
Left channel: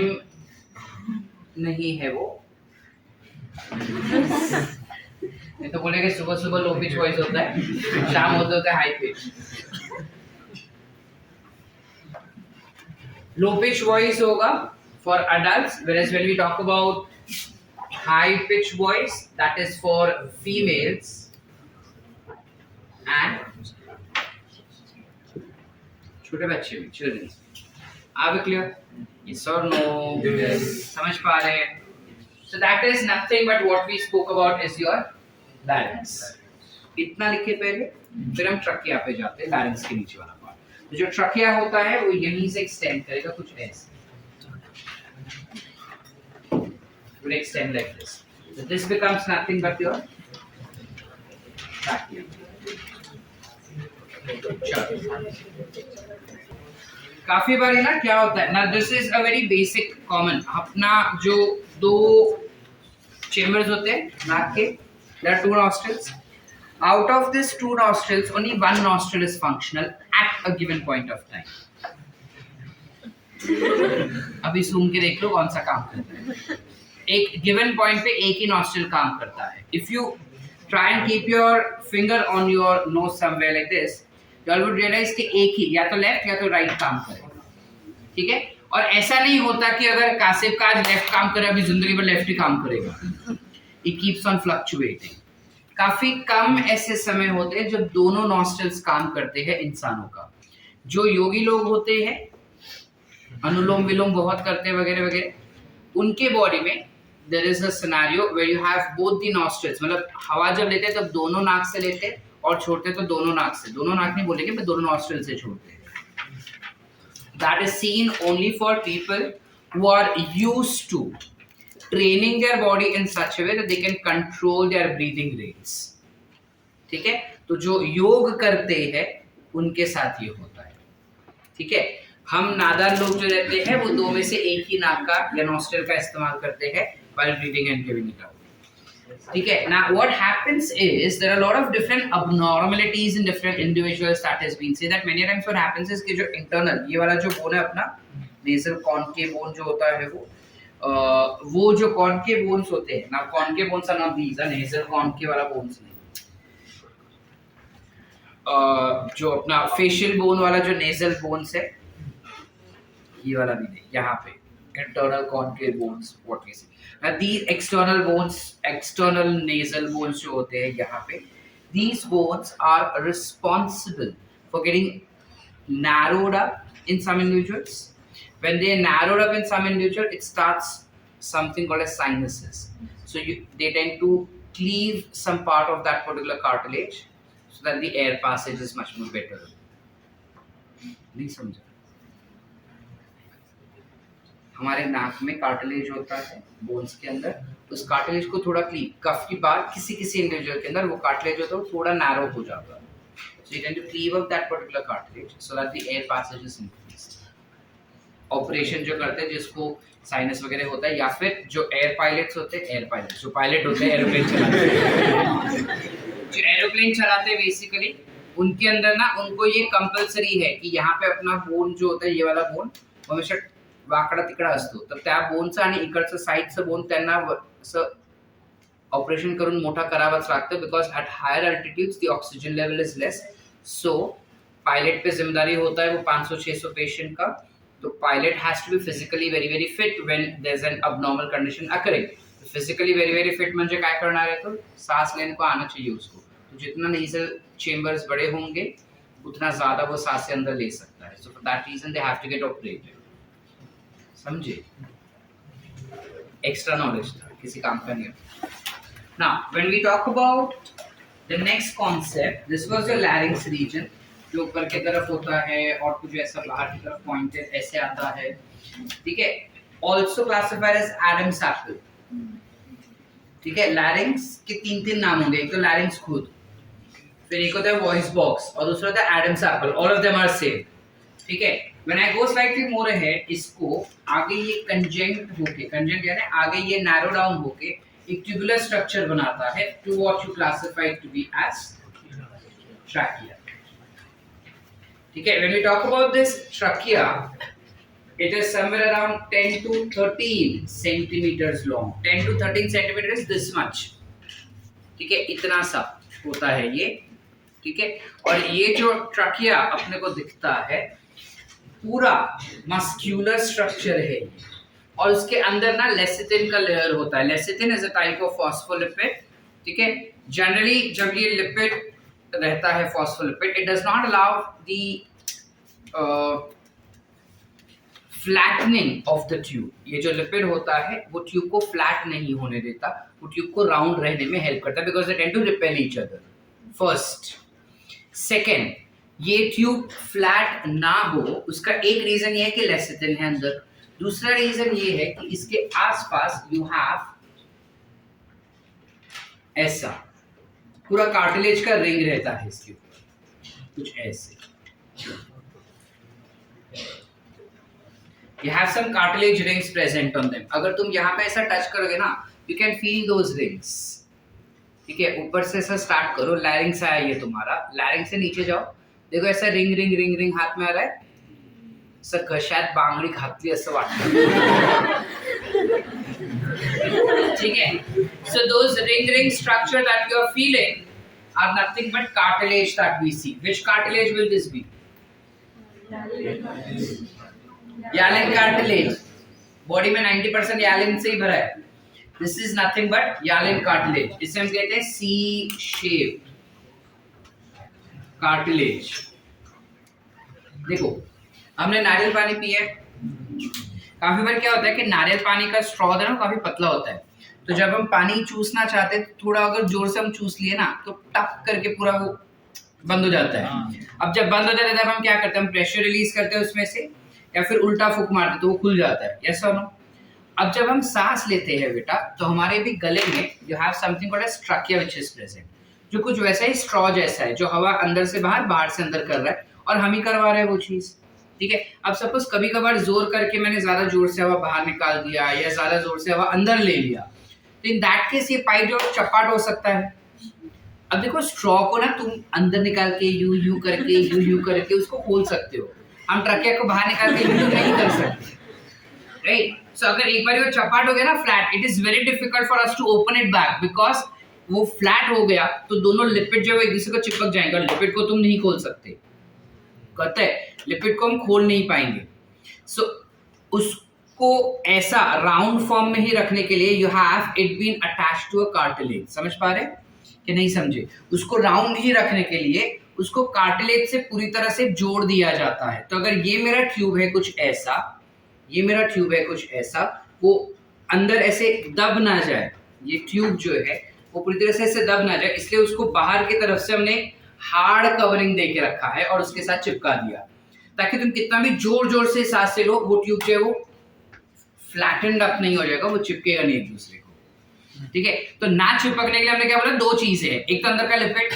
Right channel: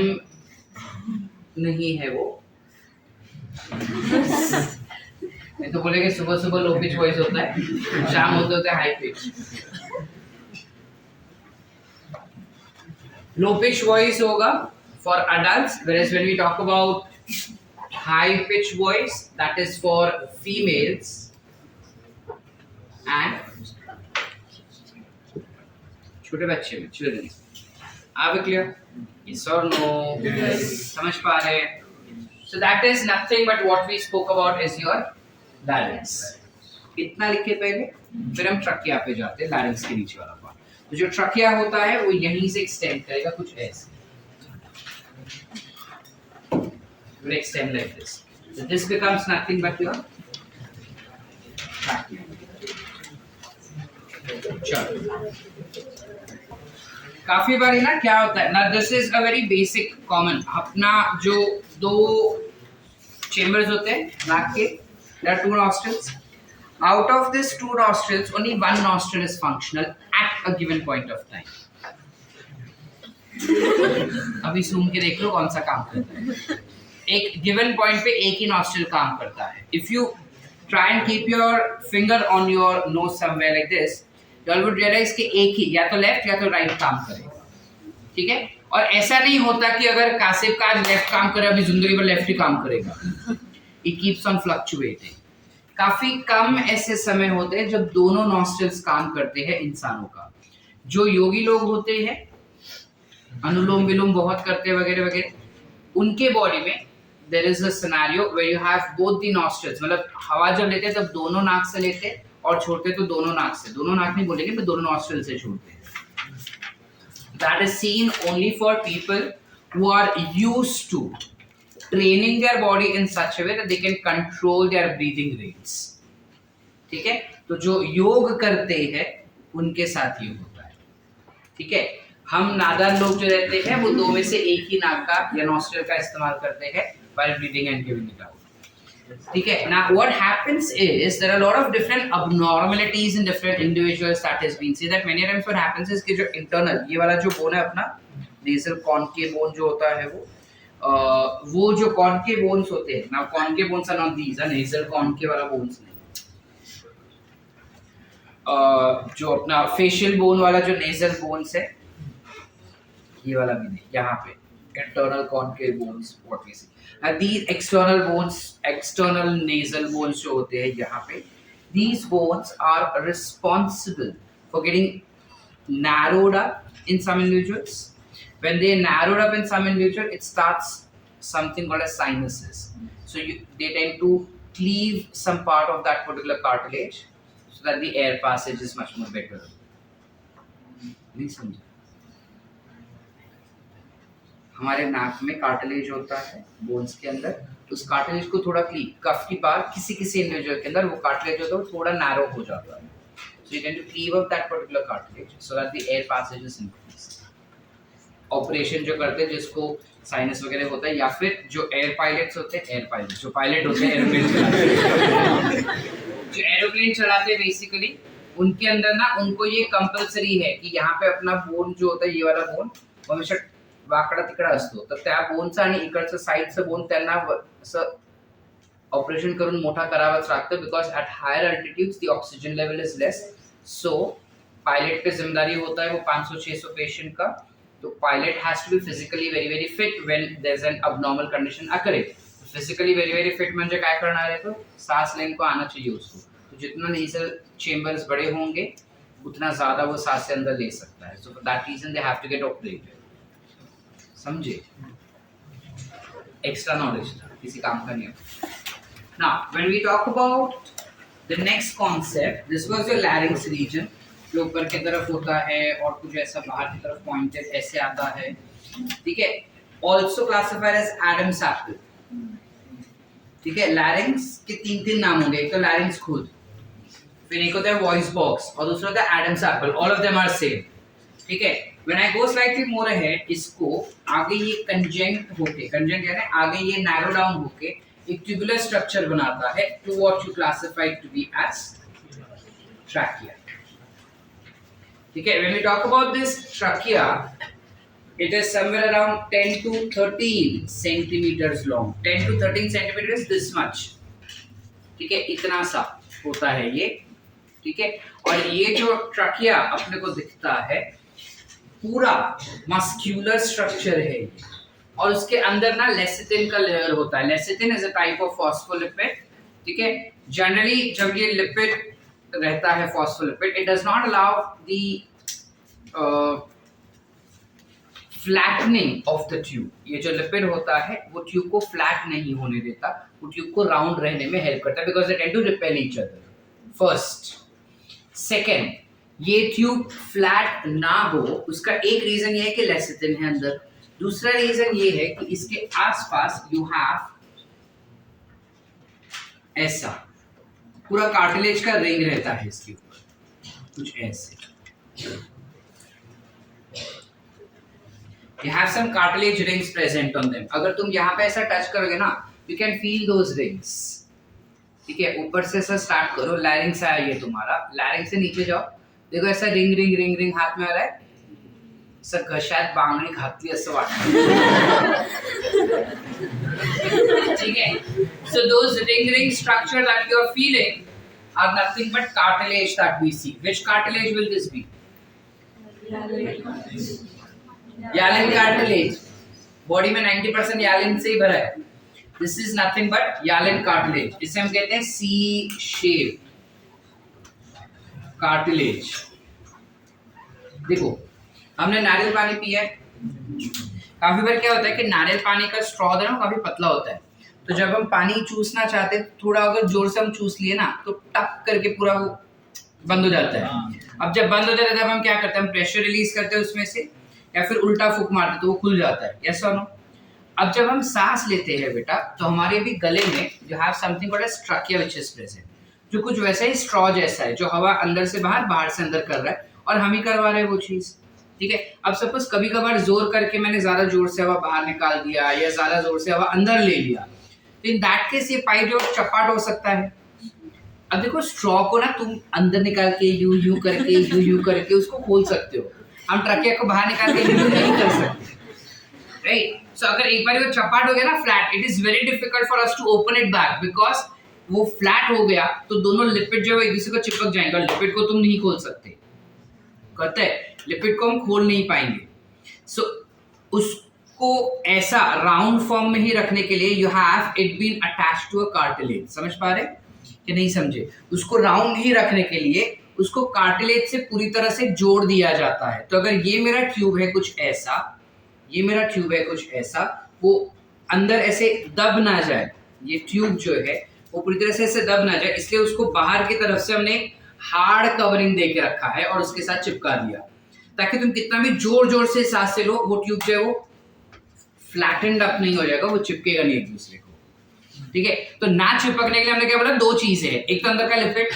नहीं है वो नहीं तो बोलेंगे सुबह सुबह लो पिच वॉइस होता है, शाम होता है high pitch. Low pitch voice होगा for adults, whereas when we talk about high pitch voice that is for females and छोटे बच्चे में children। Are we clear? Yes or no? Yes. समझ पा रहे हैं? So that is nothing but what we spoke about is your larynx. इतना लिखे पहले, फिर हम ट्रकिया पे जाते हैं, larynx के नीचे वाला पार्ट। तो जो ट्रकिया होता है वो यहीं से एक्सटेंड करेगा कुछ ऐसे, will extend like this. So this becomes nothing but your trachea. चलो, काफी बारी ना क्या होता है ना, this is a very basic common, अपना जो दो चेम्बर्स होते हैं नाक के, there are two nostrils. Out of these two nostrils, only one nostril is functional at a given point of time. अभी सूम के देख लो कौन सा काम करता है। एक गिवन पॉइंट पे एक ही नॉस्ट्रिल काम करता है। If you try and keep your finger on your nose somewhere like this, you all would realise कि एक ही या तो लेफ्ट या तो राइट काम करेगा, ठीक है। और ऐसा नहीं होता कि अगर कासिफ का आज लेफ्ट काम करे अभी जिंदगी भर लेफ्ट ही काम करेगा, इट कीप्स ऑन फ्लक्चुएटिंग। काफी कम ऐसे समय होते हैं जब दोनों नॉस्ट्रिल्स काम करते हैं इंसानों का। जो योगी लोग होते हैं, अनुलोम विलोम बहुत करते हैं वगैरह वगैरह, उनके बॉडी में there is a scenario where you have both the nostrils, मतलब हवा जब लेते हैं तब दोनों नाक से लेते हैं और छोड़ते तो दोनों नाक से, दोनों नाक नहीं बोलेंगे पर दोनों नॉस्ट्रिल से छोड़ते हैं। That is seen only for people who are used to training their body in such a way that they can control their breathing rates, ठीक है। तो जो योग करते हैं उनके साथ ये होता है, ठीक है। हम नादान लोग जो रहते हैं वो दो में से एक ही नाक का या नॉस्ट्रिल का इस्तेमाल करते हैं while breathing and giving it out, ठीक है। Now what happens is there are a lot of different abnormalities in different individuals that has been said that many times what happens is कि जो internal ये वाला जो bone है अपना nasal concave bone जो होता है वो जो concave bones होते हैं, now concave bones are not these, nasal concave वाला bones नहीं, जो अपना facial bone वाला जो nasal bones है ये वाला भी नहीं, यहाँ पे internal concave bones what we see. Now these external bones, external nasal bones जो होते हैं यहाँ पे, these bones are responsible for getting narrowed up in some individuals. When they narrowed up in some individual, it starts something called as sinuses. So they tend to cleave some part of that particular cartilage so that the air passage is much more better. नहीं समझा? हमारे नाक में cartilage होता है bones के अंदर, उस कार्टिलेज को थोड़ा कफ की बार किसी किसी इंडिविजुअल के अंदर वो कार्टिलेज होता है वो थोड़ा नैरो हो जाता है, so you tend to cleave up that particular cartilage so that the air passage is increased. Operation जो करते हैं जिसको साइनस वगैरह होता है, या फिर जो एयर पायलट्स होते हैं, एयर पायलट जो पायलट होते हैं एरोप्लेन चलाते जो एरोप्लेन चलाते हैं बेसिकली उनके अंदर ना उनको ये कंपल्सरी है की यहाँ पे अपना बोन जो होता है ये वाला बोन हमेशा वाकडा तिकडा असतो, तर त्या बोनचा आणि इकडचं साईडचं बोन त्यांना असं ऑपरेशन करून मोठा करावाच लागतं because at higher altitudes the oxygen level is less. So pilot पे जिम्मेदारी होता है वो 500-600 पेशेंट का तो pilot has to be physically very very fit when there is an abnormal condition occurring. Physically very very fit म्हणजे काय करणार आहे तो सांस लेने को आना चाहिए उसको. तो जितना नेजल चेंबर्स बड़े होंगे उतना ज्यादा वो सांसें अंदर ले सकता है. So for that reason they have to get operated. समझे? एक्स्ट्रा नॉलेज था, किसी काम का नहीं. Now when we talk about the next concept, this was the larynx region जो ऊपर की तरफ होता है और कुछ ऐसा बाहर की तरफ पॉइंटेड ऐसे आता है. ठीक है. Also classified as Adam's apple. ठीक है. लैरिंक्स के तीन नाम होंगे. एक तो लैरिंक्स खुद, फिर एक होता है वॉइस बॉक्स और दूसरा होता है Adam's apple. All of them are same. ठीक है. When I go slightly more ahead, इसको आगे ये कंजेंट होके, कंजेंट यानी आगे ये नैरो डाउन होके एक ट्यूबुलर स्ट्रक्चर बनाता है to what you classify to be as trachea. ठीक है. When we talk about this trachea, it is somewhere around 10 to 13 centimeters long. 10 to 13 centimeters, this much. ठीक है. इतना सा होता है ये. ठीक है. और ये जो ट्रकिया अपने को दिखता है पूरा मस्क्यूलर स्ट्रक्चर है ये. और उसके अंदर ना लेसिथिन का लेयर होता है. Lecithin is a type of phospholipid. ठीक है. जनरली जब ये लिपिड रहता है phospholipid, it does not allow the flattening of the tube. ये जो लिपिड होता है वो ट्यूब को फ्लैट नहीं होने देता, वो ट्यूब को राउंड रहने में हेल्प करता है because they tend to repel each other. First. Second, ये ट्यूब फ्लैट ना हो उसका एक रीजन ये है कि लेसिथिन है अंदर. दूसरा रीजन ये है कि इसके आसपास यू हैव ऐसा पूरा कार्टिलेज का रिंग रहता है इसके ऊपर, कुछ ऐसे. You have some cartilage rings present on them. अगर तुम यहाँ पे ऐसा टच करोगे ना, you can feel those rings. ठीक है. ऊपर से ऐसा स्टार्ट करो. लैरिंक्स आया ये तुम्हारा. लैरिंक्स से नीचे जाओ, देखो ऐसा रिंग रिंग रिंग रिंग हाथ में आ रहा है. सर घशात बांगडी घातली असं वाटतं. ठीक है. So those ring structure that you are feeling are nothing but cartilage that we see. Which cartilage will this be? Hyaline cartilage. Body में 90% hyaline से ही भरा है. This is nothing but hyaline cartilage. इसे हम कहते हैं C-shaped cartilage. देखो हमने नारियल पानी पिया है. काफी बार क्या होता है कि नारियल पानी का स्ट्रॉ है ना काफी पतला होता है. तो जब हम पानी चूसना चाहते हैं थोड़ा अगर जोर से हम चूस लिए ना तो टक करके पूरा वो बंद हो जाता है. अब जब बंद हो जाता है तब हम क्या करते हैं, हम प्रेशर रिलीज करते हैं उसमें से या फिर उल्टा फूंक मारते तो वो खुल जाता है. यस और नो? अब जब हम सांस लेते हैं बेटा तो हमारे भी गले में you have something called as trachea which is present, जो कुछ वैसा ही स्ट्रॉ जैसा है जो हवा अंदर से बाहर बाहर से अंदर कर रहा है और हम ही करवा रहे हैं वो चीज. ठीक है. अब सपोज कभी कभार जोर करके मैंने ज्यादा जोर से हवा बाहर निकाल दिया या ज्यादा जोर से हवा अंदर ले लिया, तो इन दैट केस ये पाइप जो चपाट हो सकता है. अब देखो स्ट्रॉ को ना तुम अंदर निकाल के यू करके उसको खोल सकते हो. हम ट्रकिया को बाहर निकाल के यू नहीं कर सकते. राइट. सो अगर एक बार वो चपाट हो गया ना flat, it is very difficult for us to open it back because वो फ्लैट हो गया तो दोनों लिपिड जो है एक दूसरे को चिपक जाएंगे और लिपिड को तुम नहीं खोल सकते. कहते हैं लिपिड को हम खोल नहीं पाएंगे. सो उसको ऐसा राउंड फॉर्म में ही रखने के लिए you have it been attached to a cartilage. समझ पा रहे कि नहीं समझे? उसको राउंड ही रखने के लिए उसको कार्टिलेज से पूरी तरह से जोड़ दिया जाता है. तो अगर ये मेरा ट्यूब है कुछ ऐसा, ये मेरा ट्यूब है कुछ ऐसा, वो अंदर ऐसे दब ना जाए, ये ट्यूब जो है वो पूरी तरह से ऐसे दब ना जाए, इसलिए उसको बाहर की तरफ से हमने हार्ड कवरिंग दे के रखा है और उसके साथ चिपका दिया ताकि तुम कितना भी जोर जोर से सांस से लो वो ट्यूब जो है वो फ्लैटेंड अप नहीं हो जाएगा, वो चिपकेगा नहीं एक दूसरे को. ठीक है. तो ना चिपकने के लिए हमने क्या बोला, दो चीजें हैं. एक तो अंदर का लिपिड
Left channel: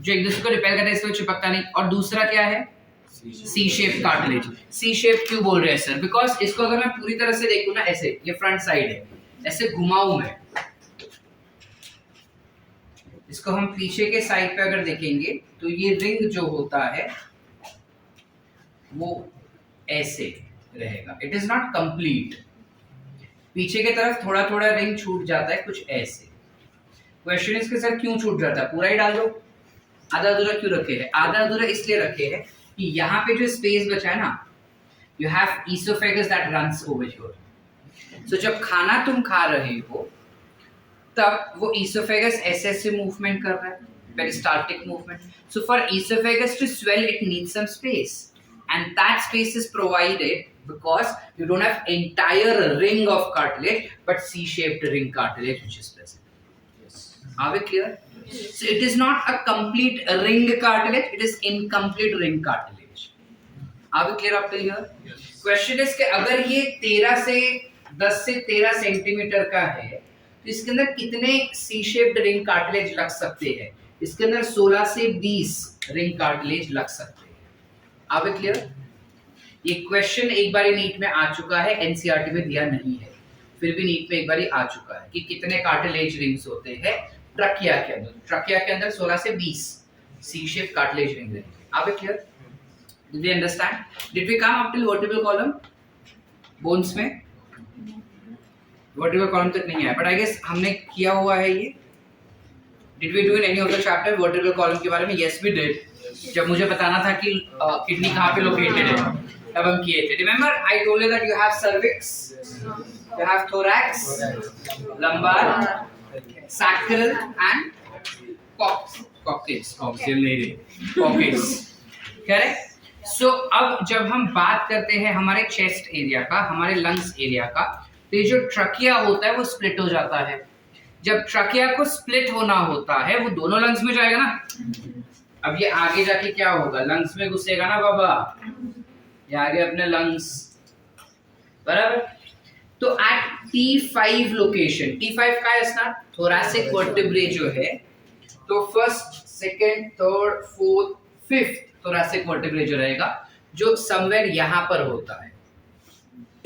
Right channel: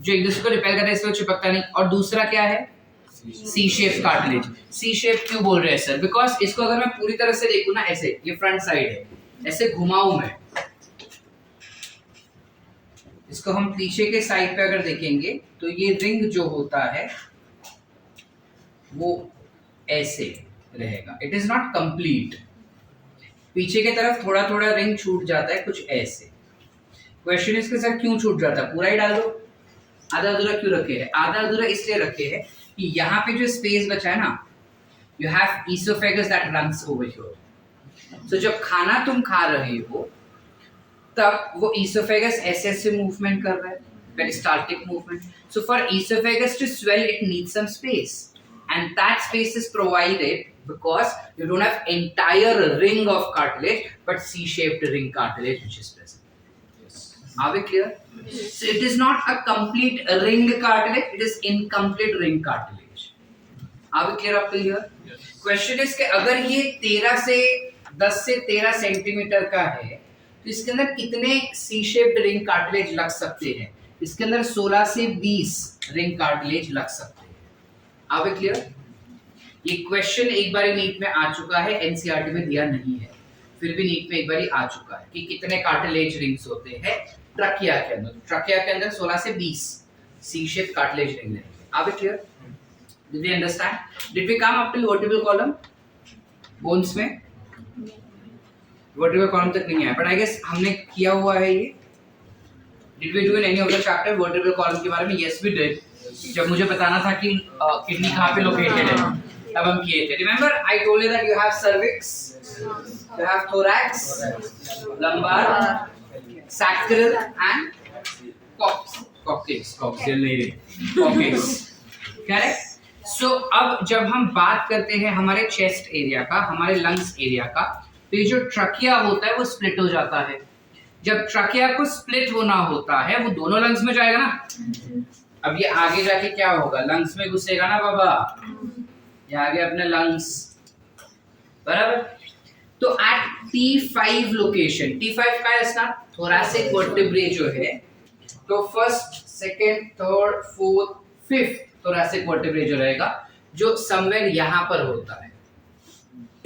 जो एक दूसरे को रिपेल करता है इसलिए चिपकता नहीं, और दूसरा क्या है सी शेप कार्टिलेज. सी शेप क्यों बोल रहे हैं सर? बिकॉज इसको अगर मैं पूरी तरह से देखूं ना ऐसे, ये फ्रंट साइड है, ऐसे घुमाऊं मैं इसको, हम पीछे के साइड पे अगर देखेंगे तो ये रिंग जो होता है वो ऐसे रहेगा. It is not complete. पीछे की तरफ थोड़ा थोड़ा रिंग छूट जाता है कुछ ऐसे. क्वेश्चन इसके सर क्यों छूट जाता है? पूरा ही डाल दो. आधा अधूरा क्यों रखे हैं? आधा अधूरा इसलिए रखे हैं कि यहाँ पे जो स्पेस बचा है ना, you have esophagus that runs over here. So जब खाना तुम खा रहे हो तब वो esophagus ऐसे ऐसे movement कर रहा है, peristaltic movement. So for esophagus to swell, it needs some space, and that space is provided because you don't have entire ring of cartilage, but C-shaped ring cartilage which is present. Are we clear? So it is not a complete ring cartilage; it is incomplete ring cartilage. Are we clear up till here? Question is कि अगर ये 10 से 13 centimetre का है तो इसके अंदर कितने सी शेप्ड रिंग कार्टिलेज लग सकते हैं? इसके अंदर 16 से 20 रिंग कार्टिलेज लग सकते हैं. Are we clear? ये क्वेश्चन एक बार नीट में आ चुका है, एनसीईआरटी में दिया नहीं है, फिर भी नीट में एक बार आ चुका है कि कितने कार्टिलेज रिंग्स होते हैं ट्रकिया के अंदर. ट्रकिया के अंदर 16 से 20 सी शेप कार्टिलेज रिंग रहेंगे. Are we clear? Did we understand? Did we come up till vertebral column? Bones में vertebral column तक नहीं आया, but I guess हमने किया हुआ है ये. Did we do in any of the chapter vertebral column के बारे में? Yes, we did. जब मुझे बताना था कि किडनी कहाँ पे लोकेटेड है तब हम किए थे. Remember, I told you that you have cervix, you have thorax, lumbar, sacral and coccyx. Correct? So अब जब हम बात करते हैं हमारे चेस्ट एरिया का, हमारे लंग्स एरिया का, तो ये जो ट्रकिया होता है वो स्प्लिट हो जाता है. जब ट्रकिया को स्प्लिट होना होता है वो दोनों लंग्स में जाएगा ना. अब ये आगे जाके क्या होगा? लंग्स में घुसेगा ना बाबा. ये आगे अपने लंग्स, बराबर. तो एट T5 लोकेशन, T5 का है इसका थोरैसिक वर्टेब्रे जो है, तो first, second, third, fourth, fifth thoracic vertebrae जो रहेगा, जो समवेयर यहाँ पर होता है,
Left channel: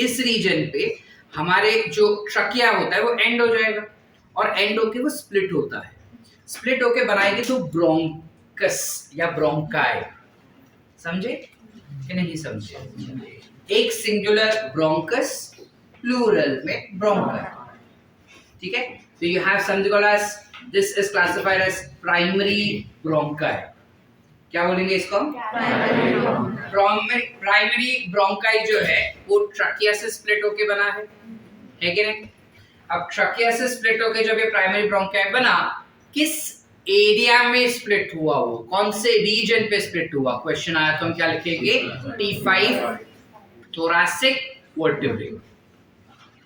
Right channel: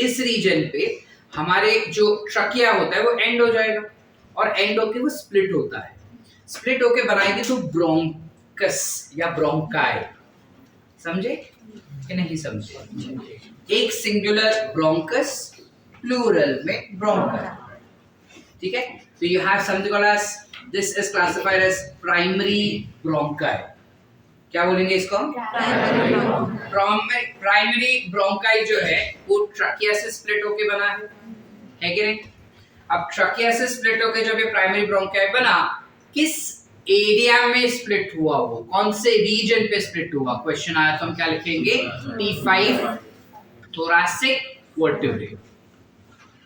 इस रीजन पे हमारे जो ट्रकिया होता है वो एंड हो जाएगा, और एंड होके वो स्प्लिट होता है. स्प्लिट होके बनाएंगे तो ब्रोंकस या ब्रोंकाई. समझे कि नहीं समझे? एक सिंगुलर ब्रोंकस, प्लूरल में ब्रोंकाई. ठीक है? तो you have something called as, this is classified as primary bronchi. क्या बोलेंगे इसको? प्राइमरी ब्रोंकाई जो है वो ट्रकिया से स्प्लिट होके बना है कि नहीं? अब ट्रकिया से स्प्लिट होके जब ये प्राइमरी ब्रोंकाई बना, किस एरिया में स्प्लिट हुआ? वो कौन से रीजन पे स्प्लिट हुआ? क्वेश्चन आया तो हम क्या लिखेंगे? T5 thoracic vertebrae.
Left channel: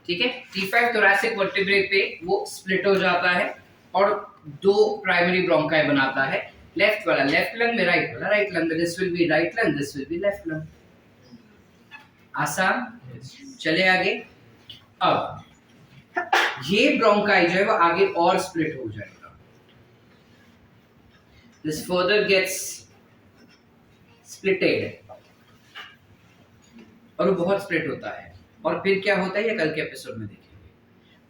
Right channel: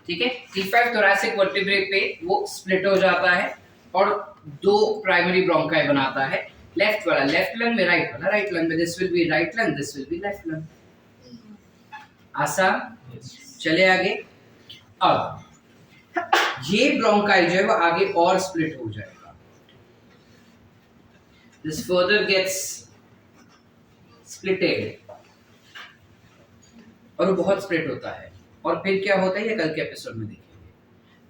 ठीक है? T5 थोरैसिक वर्टेब्रे पे वो स्प्लिट हो जाता है और दो प्राइमरी ब्रोंकाई बनाता है. लेफ्ट वाला लेफ्ट लंग में, राइट वाला राइट लंग में. This will be right lung, this will be left lung. आसान? चले आगे. अब ये ब्रोंकाई जो है वो आगे और स्प्लिट हो जाएगा. दिस फर्दर गेट्स स्प्लिटेड और वो बहुत स्प्लिट होता है. और फिर क्या होता है ये कल के एपिसोड में देखेंगे.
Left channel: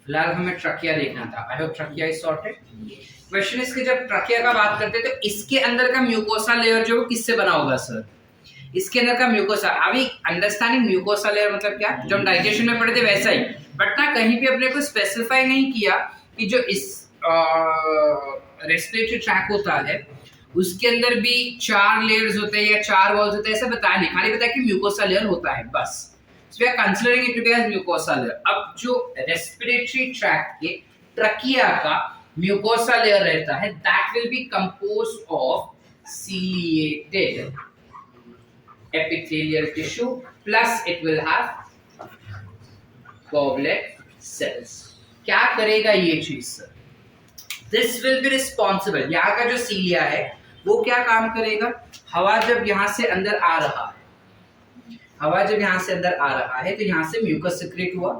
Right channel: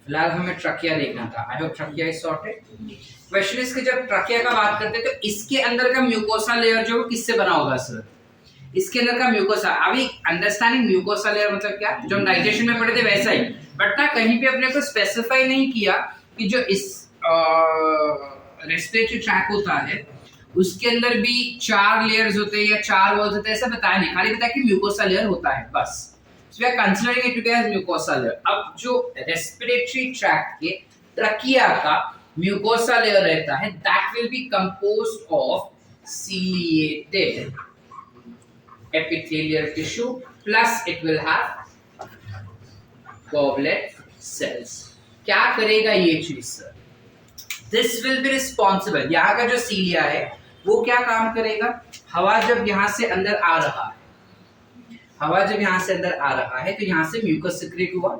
फिलहाल हमें ट्रकिया देखना था. I hope trachea is sorted. Question is कि जब ट्रकिया का बात करते हैं तो इसके अंदर का म्यूकोसा लेयर जो किससे बना होगा सर? इसके अंदर का म्यूकोसा. अभी अंडरस्टैंडिंग म्यूकोसा लेयर मतलब क्या, जो हम डाइजेशन में पढ़े थे वैसा ही, बट ना कहीं पे अपने को स्पेसिफाई नहीं किया कि जो इस रेस्पिरेटरी ट्रैक होता है उसके अंदर भी 4 लेयर्स होते हैं या 4 वॉल्स होते हैं, ऐसा बताया नहीं. खाली बताया कि म्यूकोसा लेयर होता है बस. So we are considering it to be as mucosa layer. अब जो रेस्पिरेटरी ट्रैक के ट्रकिया का म्यूकोसा लेयर रहता है, that will be composed of ciliated epithelial tissue plus it will have goblet cells. क्या करेगा ये चीज sir? This will be responsible. यहाँ का जो सीलिया है वो क्या काम करेगा? हवा जब यहाँ से अंदर आ रहा है, हवा जब यहाँ से अंदर आ रहा है तो यहाँ से म्यूकस सिक्रेट हुआ.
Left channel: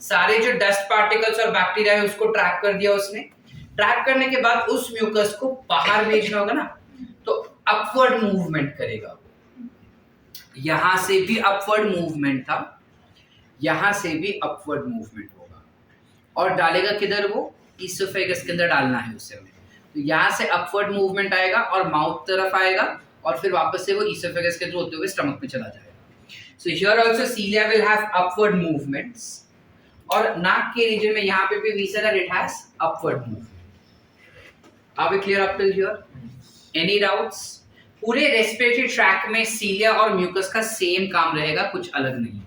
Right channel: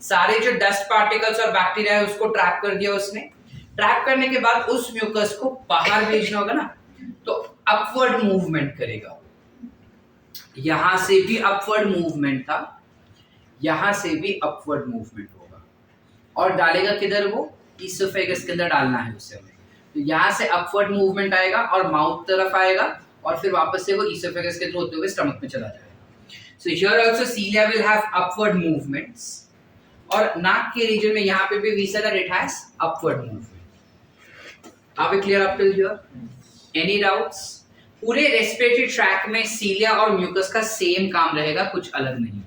सारे जो डस्ट पार्टिकल्स और बैक्टीरिया है उसको ट्रैप कर दिया उसने. ट्रैप करने के बाद उस म्यूकस को बाहर भेजना होगा ना, तो अपवर्ड मूवमेंट करेगा. यहाँ से भी अपवर्ड मूवमेंट था, यहाँ से भी अपवर्ड मूवमेंट होगा, और डालेगा किधर? वो ईसोफेगस के अंदर डालना है उसे हमें. तो यहाँ से अपवर्ड मूवमेंट आएगा और माउथ तरफ आएगा, और फिर वापस से वो ईसोफेगस के थ्रू होते हुए स्टमक में चला जाएगा. So here also cilia will have upward movements, और नाक के रीजन में यहाँ पे भी we said that it has upward movement. Are we clear up till here? Any doubts? पूरे रेस्पिरेटरी ट्रैक में सीलिया और म्यूकस का सेम काम रहेगा, कुछ अलग नहीं है।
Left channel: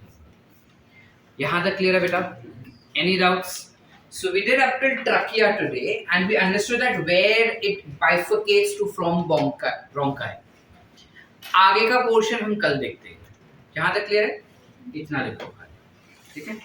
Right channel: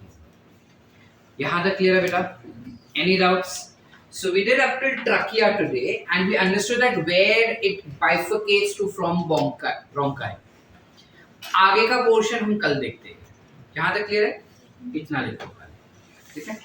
यहाँ तक क्लियर है बेटा? Any doubts? So we did up till trachea today and we understood that where it bifurcates to from bronchi. आगे का पोर्शन हम कल देखते हैं। यहाँ तक क्लियर है? इतना लिखो, ठीक है?